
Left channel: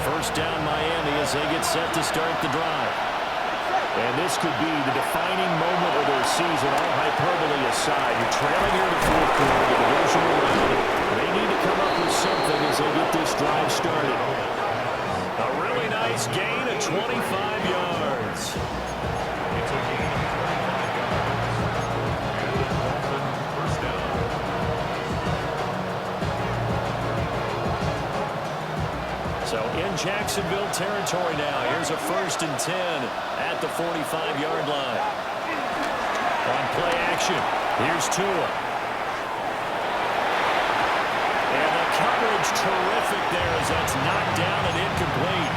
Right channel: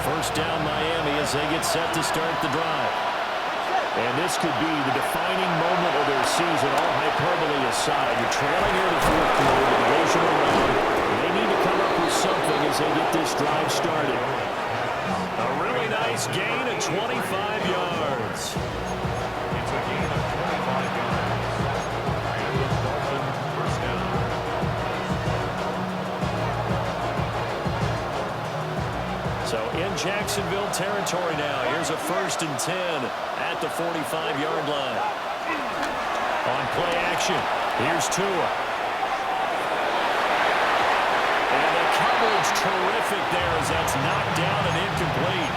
First down Miami as they get set to start the drive. And this could be the defining moment of their season, all hyperbole aside. You're trailing here in the fourth quarter, the divisional round. They need to come up with something as they get this drive started. A really nice gain of 25 yards. It's a gain of 25 yards. And the Dolphins first down. So in Jacksonville territory now. Here's a 1st and 10 at the 45-yard line. On play action, here's Tua. And the coverage terrific there as that's knocked down and incomplete.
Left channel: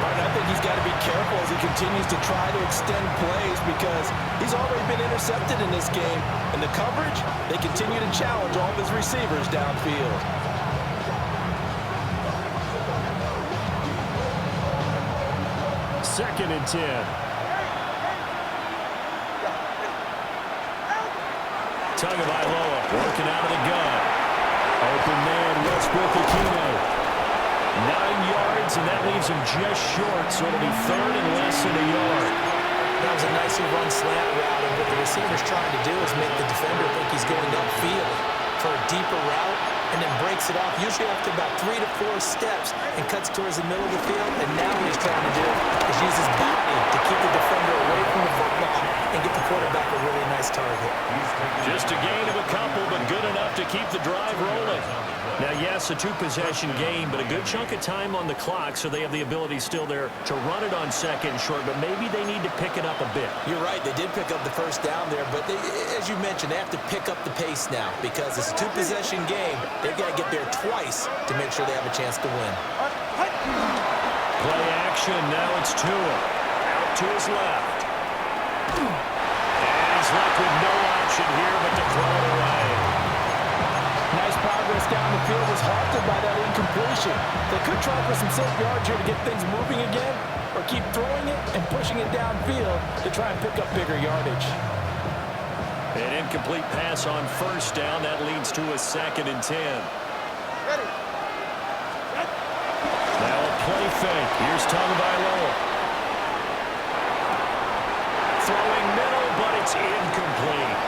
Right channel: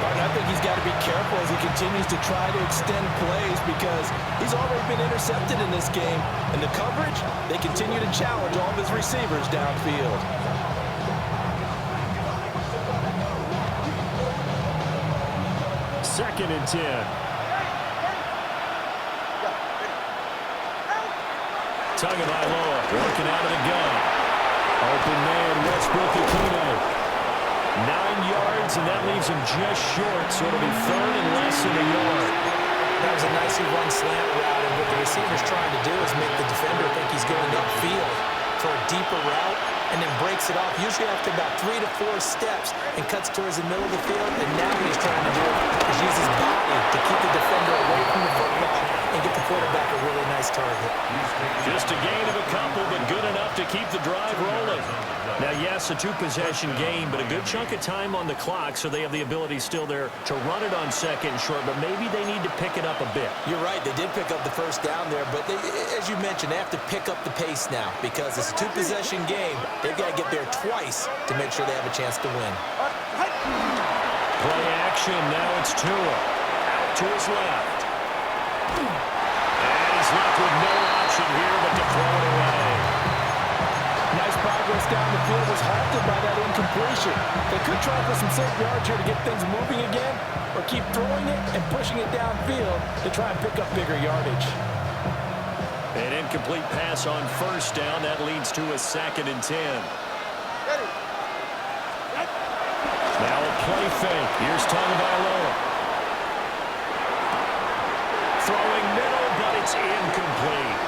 Martin, I think he's got to be careful as he continues to try to extend plays because he's already been intercepted in this game. And the coverage, they continue to challenge all of his receivers downfield. 2nd and 10. Tagovailoa working out of the gun. Open man, Westbrook-Ikhine. 9 yards, and that leaves him just short, so it'll be 3rd and less than a yard. That was a nicely run slant route, and what the receiver's trying to do is make the defender think he's going upfield for a deeper route, and then breaks it off, usually after about 3 to 4 steps, and cuts towards the middle of the field. And now what he's trying to do is use his body to keep the defender away from the football and get the quarterback a really nice target. Just a gain of a couple, but good enough to keep the drive rolling. Now, yes, a 2-possession game, but a good chunk of time on the clock, so they have the ability still there to run it on 2nd and short, but maybe they need to pick it up a bit. You're right. They did pick up the first down there, but as you mentioned, they have to pick up the pace now because it's a 2-possession game. They've got to get there twice to make sure they have a chance to win. Play action. Now it's Tua. Out to his left. And he's left with no option here but to throw it away. Nice progress down the field was halted by that incompletion. They could try for some safe yards here to get things moving again, or keep throwing it and pushing it downfield to try and pick up bigger yardage. An incomplete pass on 1st down. That leads to a 2nd and 10. Now a play fake. Here's Tagovailoa. Throwing middle, but it's incomplete.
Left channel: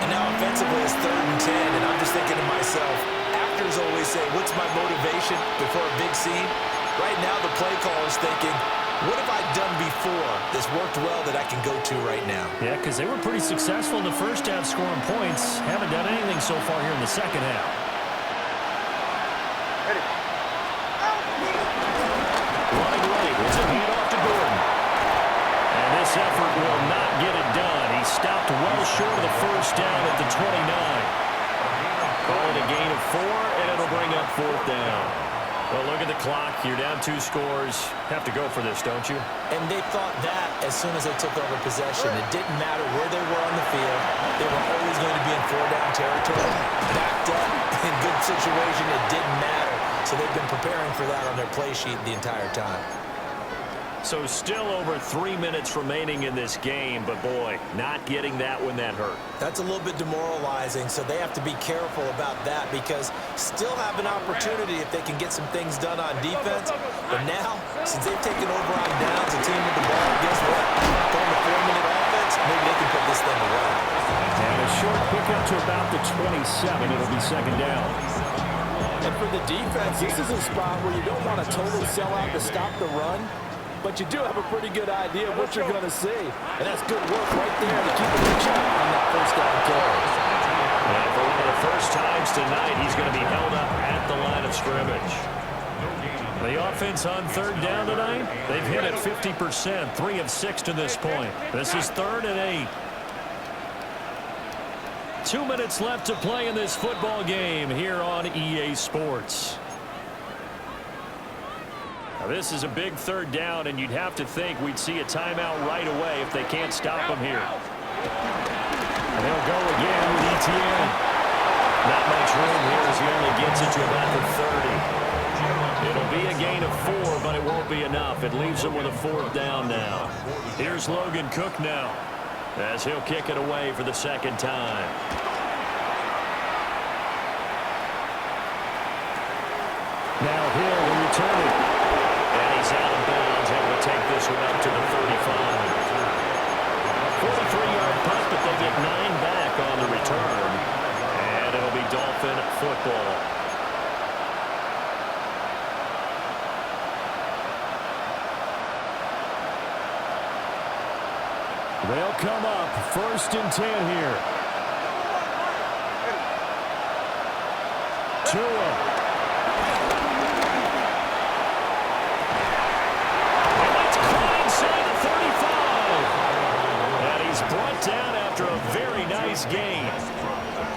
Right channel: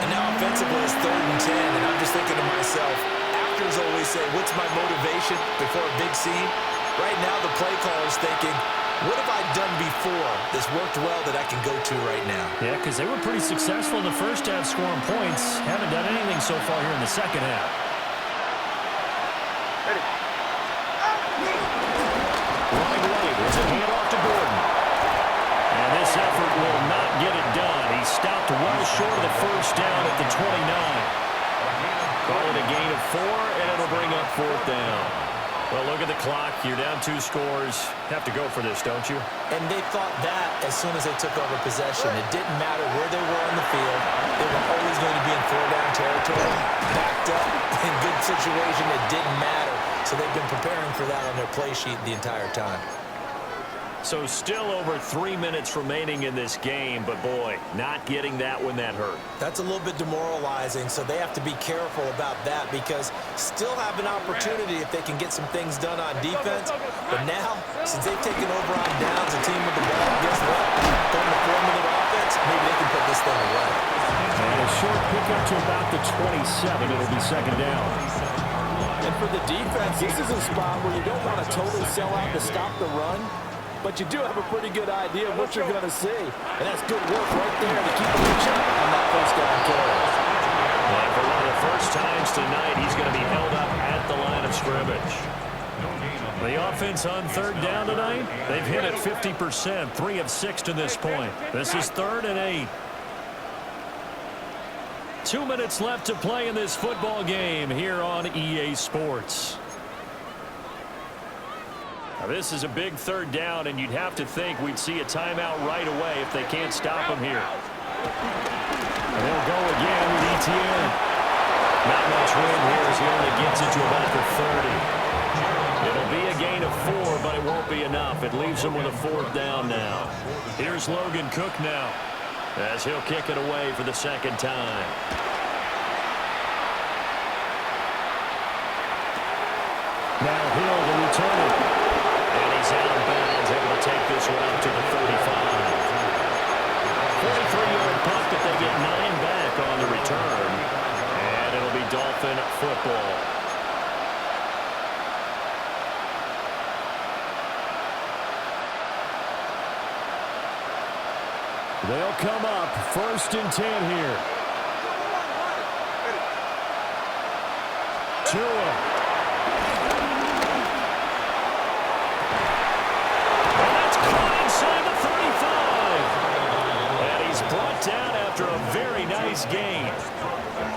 And now offensively it's 3rd and 10, and I'm just thinking to myself, actors always say, what's my motivation before a big scene? Right now the play caller's thinking, what have I done before that's worked well that I can go to right now? Yeah, because they were pretty successful in the first half scoring points. Haven't done anything so far here in the second half. Ready. Running right. It's a handoff to Gordon. And this effort will not get it done. He stopped well short of the first down at the 29. Call it a gain of 4, and it'll bring up 4th down. Well, look at the clock. You're down 2 scores. Have to go for this, don't you? And they thought that as soon as they took over possession. It didn't matter where they were on the field. They were always going to be in 4-down territory. Backed up, in good situation, it didn't matter. So they've been preparing for that on their play sheet the entire time. So still over 3 minutes remaining in this game, but boy, not getting that when that hurt. That's a little bit demoralizing, so they have to be careful about that because still have an opportunity if they can get some things done on defense. But now, since they've taken over on downs, a team with the ball, guess what? Going to 4-minute offense, maybe they can put this thing away. And a short pickup to about the 27. It'll be 2nd down. And for the defense, this is a spot where you don't want to totally sell out to stop the run, but you do have a pretty good idea of what you're going to see. And that's good work right there to keep them in check on that 1st down carry. And for one of the first times tonight, he's going to be held up at the line of scrimmage. The offense on 3rd down tonight, they've hit it 50%, 3 of 6 to this point. This is 3rd and 8. 2 minutes left to play in this football game here on EA Sports. Now this is a big 3rd down, and you'd have to think we'd see a timeout right away if they can't stop him here. And they'll go again with Etienne. Not much room here as he only gets it to about the 30. It'll be a gain of 4, but it won't be enough. It leaves him with a 4th down now. Here's Logan Cook now as he'll kick it away for the 2nd time. Now Hill to return it. And he's out of bounds is able to take this one up to the 35. 43-yard punt, but they get 9 back on the return. And it'll be Dolphin football. They'll come up 1st and 10 here. Tua. And that's caught inside the 35. And he's brought down after a very nice gain.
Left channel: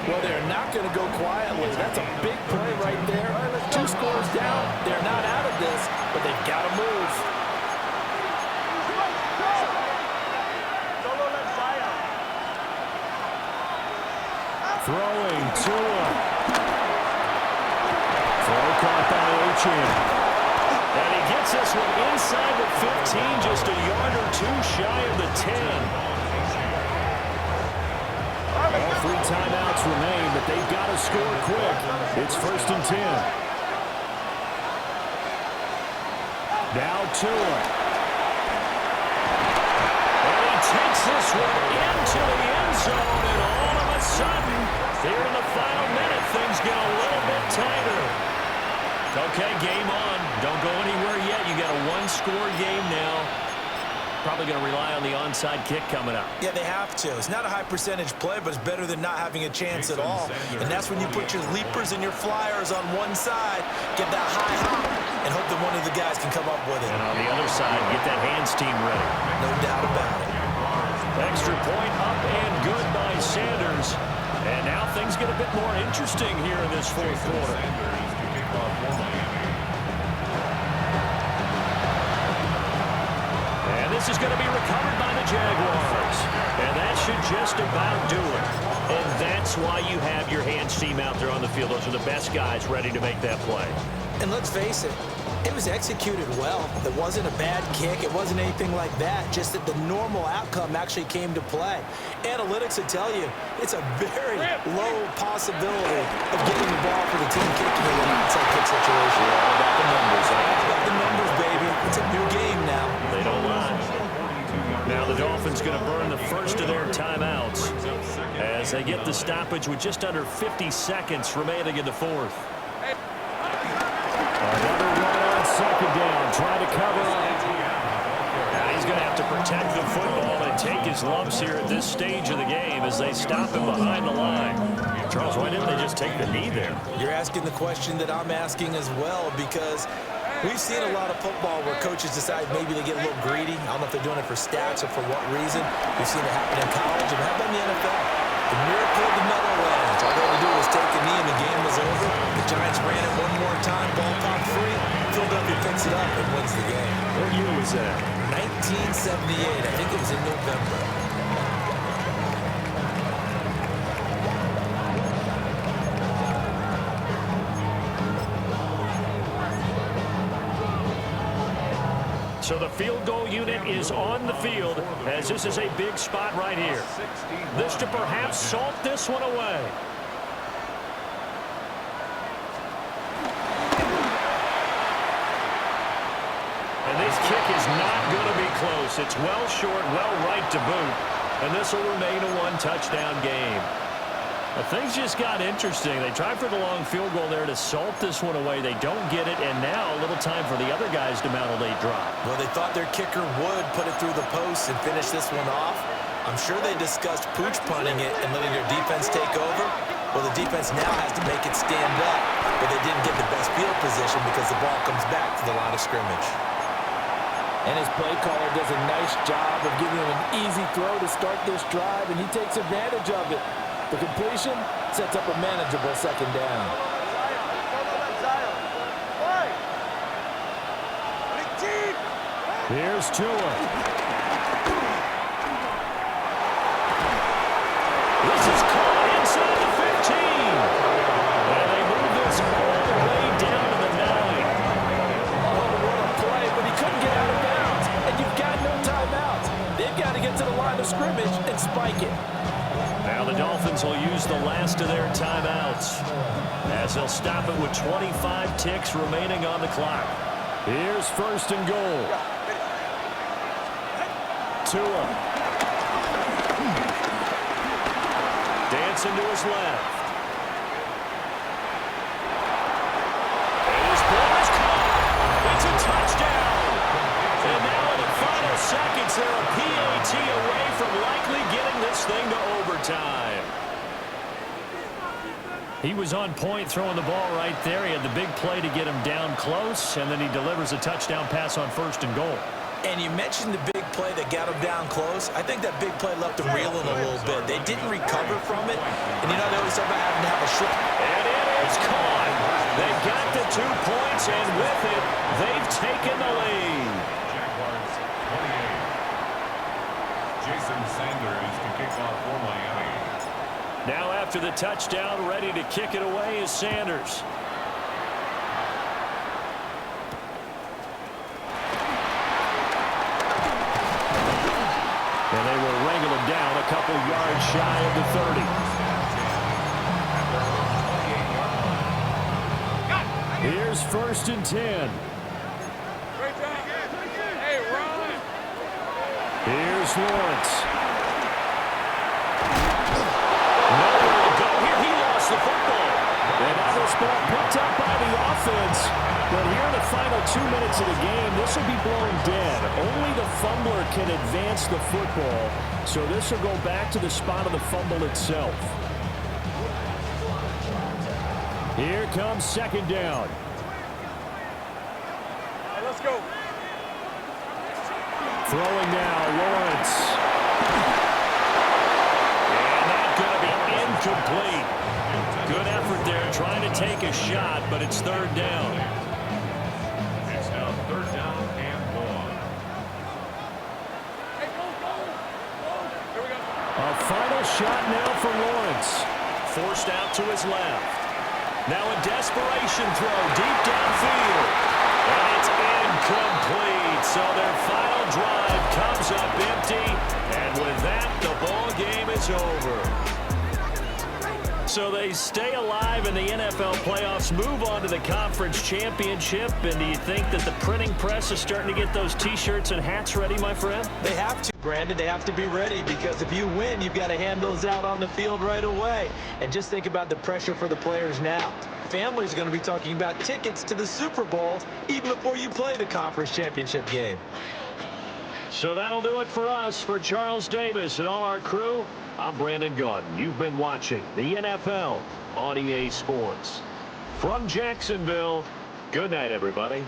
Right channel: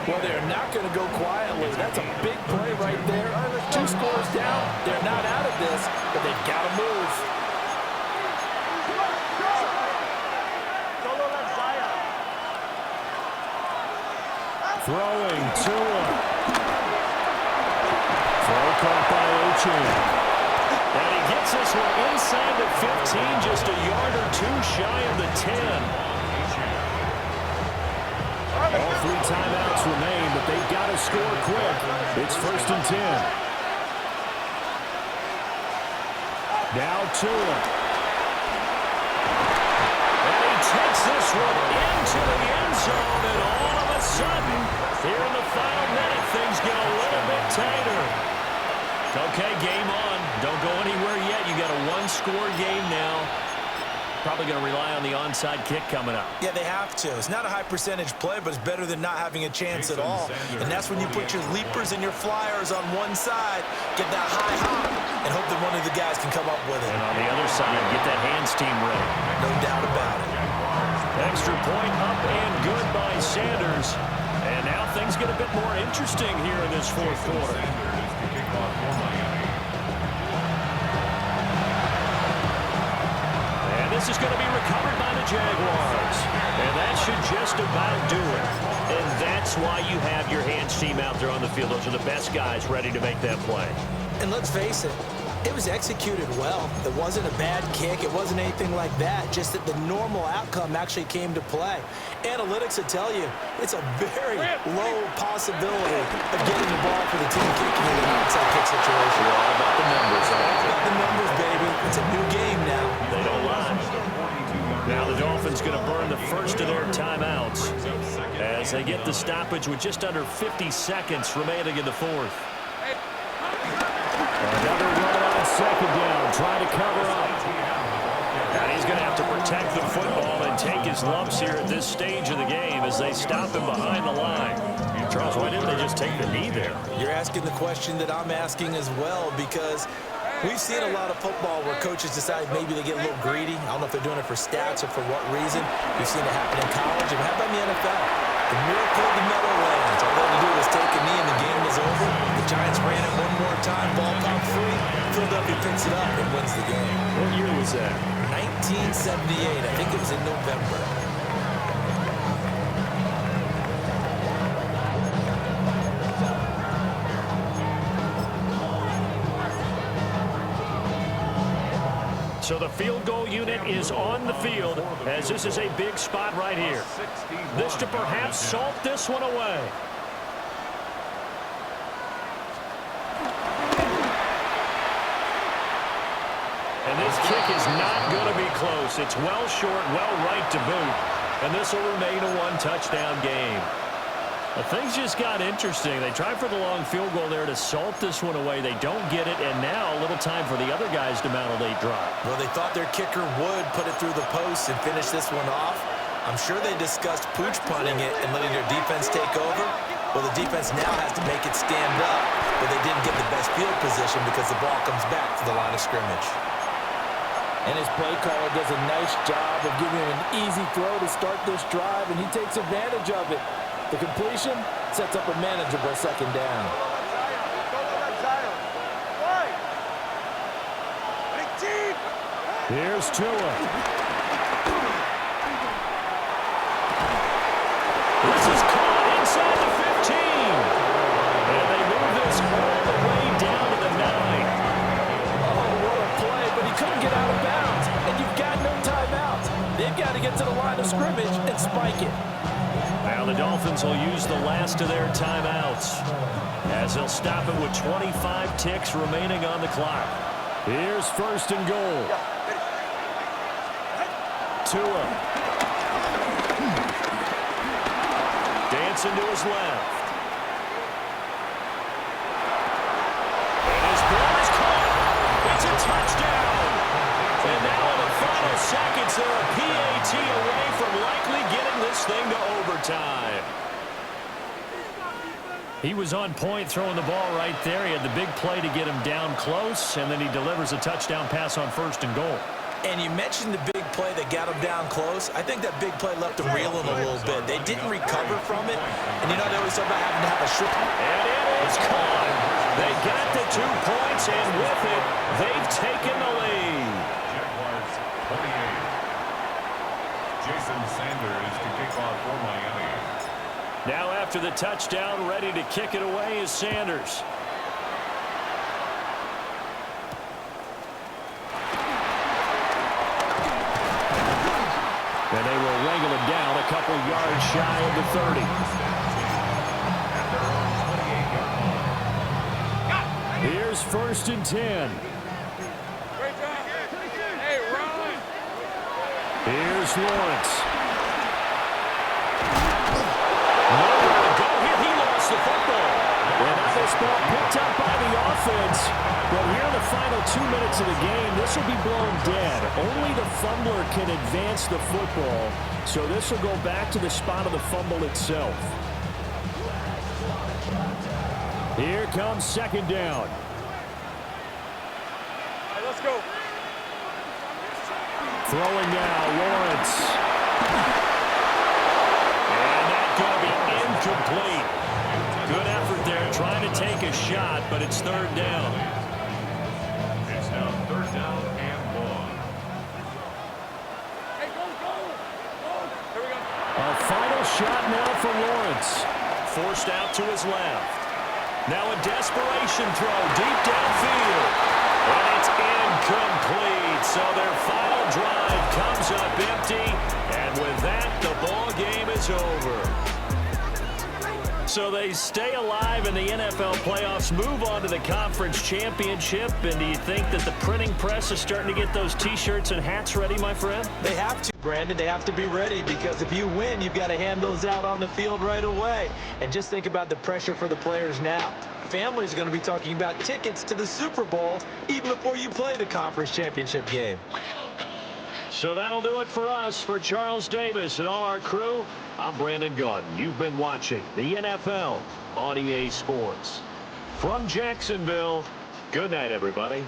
Well, they're not going to go quietly. That's a big play right there. 2 scores down. They're not out of this, but they've got to move. Throwing Tua. Throw caught by Ochin. And he gets this one inside the 15, just a yard or 2 shy of the 10. All 3 timeouts remain, but they've got to score quick. It's 1st and 10. Now Tua. And he takes this one into the end zone, and all of a sudden, here in the final minute, things get a little bit tighter. Okay, game on. Don't go anywhere yet. You got a 1-score game now. Probably going to rely on the onside kick coming up. Yeah, they have to. It's not a high percentage play, but it's better than not having a chance at all. And that's when you put your leapers and your flyers on one side, get that high hop, and hope that one of the guys can come up with it. And on the other side, get that hands team ready. No doubt about it. Extra point up and good by Sanders. And now things get a bit more interesting here in this 4th quarter. Sanders to kick off for Miami. And this is going to be recovered by the Jaguars. And that should just about do it. And that's why you have your hands team out there on the field. Those are the best guys ready to make that play. And let's face it, it was executed well. It wasn't a bad kick. It wasn't anything like that. Just that the normal outcome actually came to play. Analytics will tell you it's a very low possibility of getting the ball for the team kicking in an onside kick situation. You're all about the numbers, huh? All about the numbers, baby. It's a new game now. They don't lie. Now the Dolphins going to burn the first of their timeouts as they get the stoppage with just under 50 seconds remaining in the 4th. Another run on 2nd down, trying to cover up. And he's going to have to protect the football and take his lumps here at this stage of the game as they stop him behind the line. Charles, why didn't they just take the knee there? You're asking the question that I'm asking as well, because we've seen a lot of football where coaches decide maybe they get a little greedy. I don't know if they're doing it for stats or for what reason. We've seen it happen in college, and how about in the NFL? The miracle of the Meadowlands. All they had to do was take a knee and the game was over. The Giants ran it one more time, ball popped free. Philadelphia picks it up and wins the game. What year was that? 1978. I think it was in November. So the field goal unit is on the field as this is a big spot right here. This to perhaps salt this one away. And this kick is not going to be close. It's well short, well right to boot. And this will remain a 1-touchdown game. But things just got interesting. They tried for the long field goal there to salt this one away. They don't get it, and now a little time for the other guys to mount a late drive. Well, they thought their kicker would put it through the post and finish this one off. I'm sure they discussed pooch punting it and letting their defense take over. Well, the defense now has to make it stand up, but they didn't get the best field position because the ball comes back to the line of scrimmage. And his play caller does a nice job of giving him an easy throw to start this drive, and he takes advantage of it. The completion sets up a manageable 2nd down. Here's Tua. This is caught inside the 15. And they move this all the way down to the 9. Oh, what a play, but he couldn't get out of bounds. And you've got no timeouts. They've got to get to the line of scrimmage and spike it. Now the Dolphins will use the last of their timeouts as they'll stop it with 25 ticks remaining on the clock. Here's 1st and goal. Tua. Dancing to his left. And his ball is caught. It's a touchdown. And now in the final seconds, they're a PAT away from likely getting this thing to overtime. He was on point throwing the ball right there. He had the big play to get him down close, and then he delivers a touchdown pass on 1st and goal. And you mentioned the big play that got him down close. I think that big play left him reeling a little bit. They didn't recover from it. And, you know, they always talk about having to have a short. And it is caught. They got the 2 points, and with it, they've taken the lead. Jaguars 28. Jason Sanders to kick off for Miami. Now after the touchdown, ready to kick it away is Sanders. And they will wrangle him down a couple yards shy of the 30. At their own 28-yard line. Here's 1st and 10. Great job. Hey, run. Here's Lawrence. Nowhere to go here. He lost the football. And now this ball picked up by the offense. But here in the final 2 minutes of the game, this will be blown dead. Only the fumbler can advance the football. So this will go back to the spot of the fumble itself. Here comes 2nd down. Hey, let's go. Throwing now, Lawrence. And that's going to be incomplete. Good effort there, trying to take a shot, but it's 3rd down. It's now 3rd down and 1. Hey, go. Here we go. A final shot now for Lawrence. Forced out to his left. Now a desperation throw deep downfield. And it's incomplete. So their final drive comes up empty. And with that, the ball game is over. So they stay alive in the NFL playoffs, move on to the conference championship. And do you think that the printing press is starting to get those T-shirts and hats ready, my friend? They have to, Brandon. They have to be ready because if you win, you've got to hand those out on the field right away. And just think about the pressure for the players now. Families are going to be talking about tickets to the Super Bowl even before you play the conference championship game. So that'll do it for us. For Charles Davis and all our crew, I'm Brandon Gaudin. You've been watching the NFL on EA Sports. From Jacksonville, good night, everybody.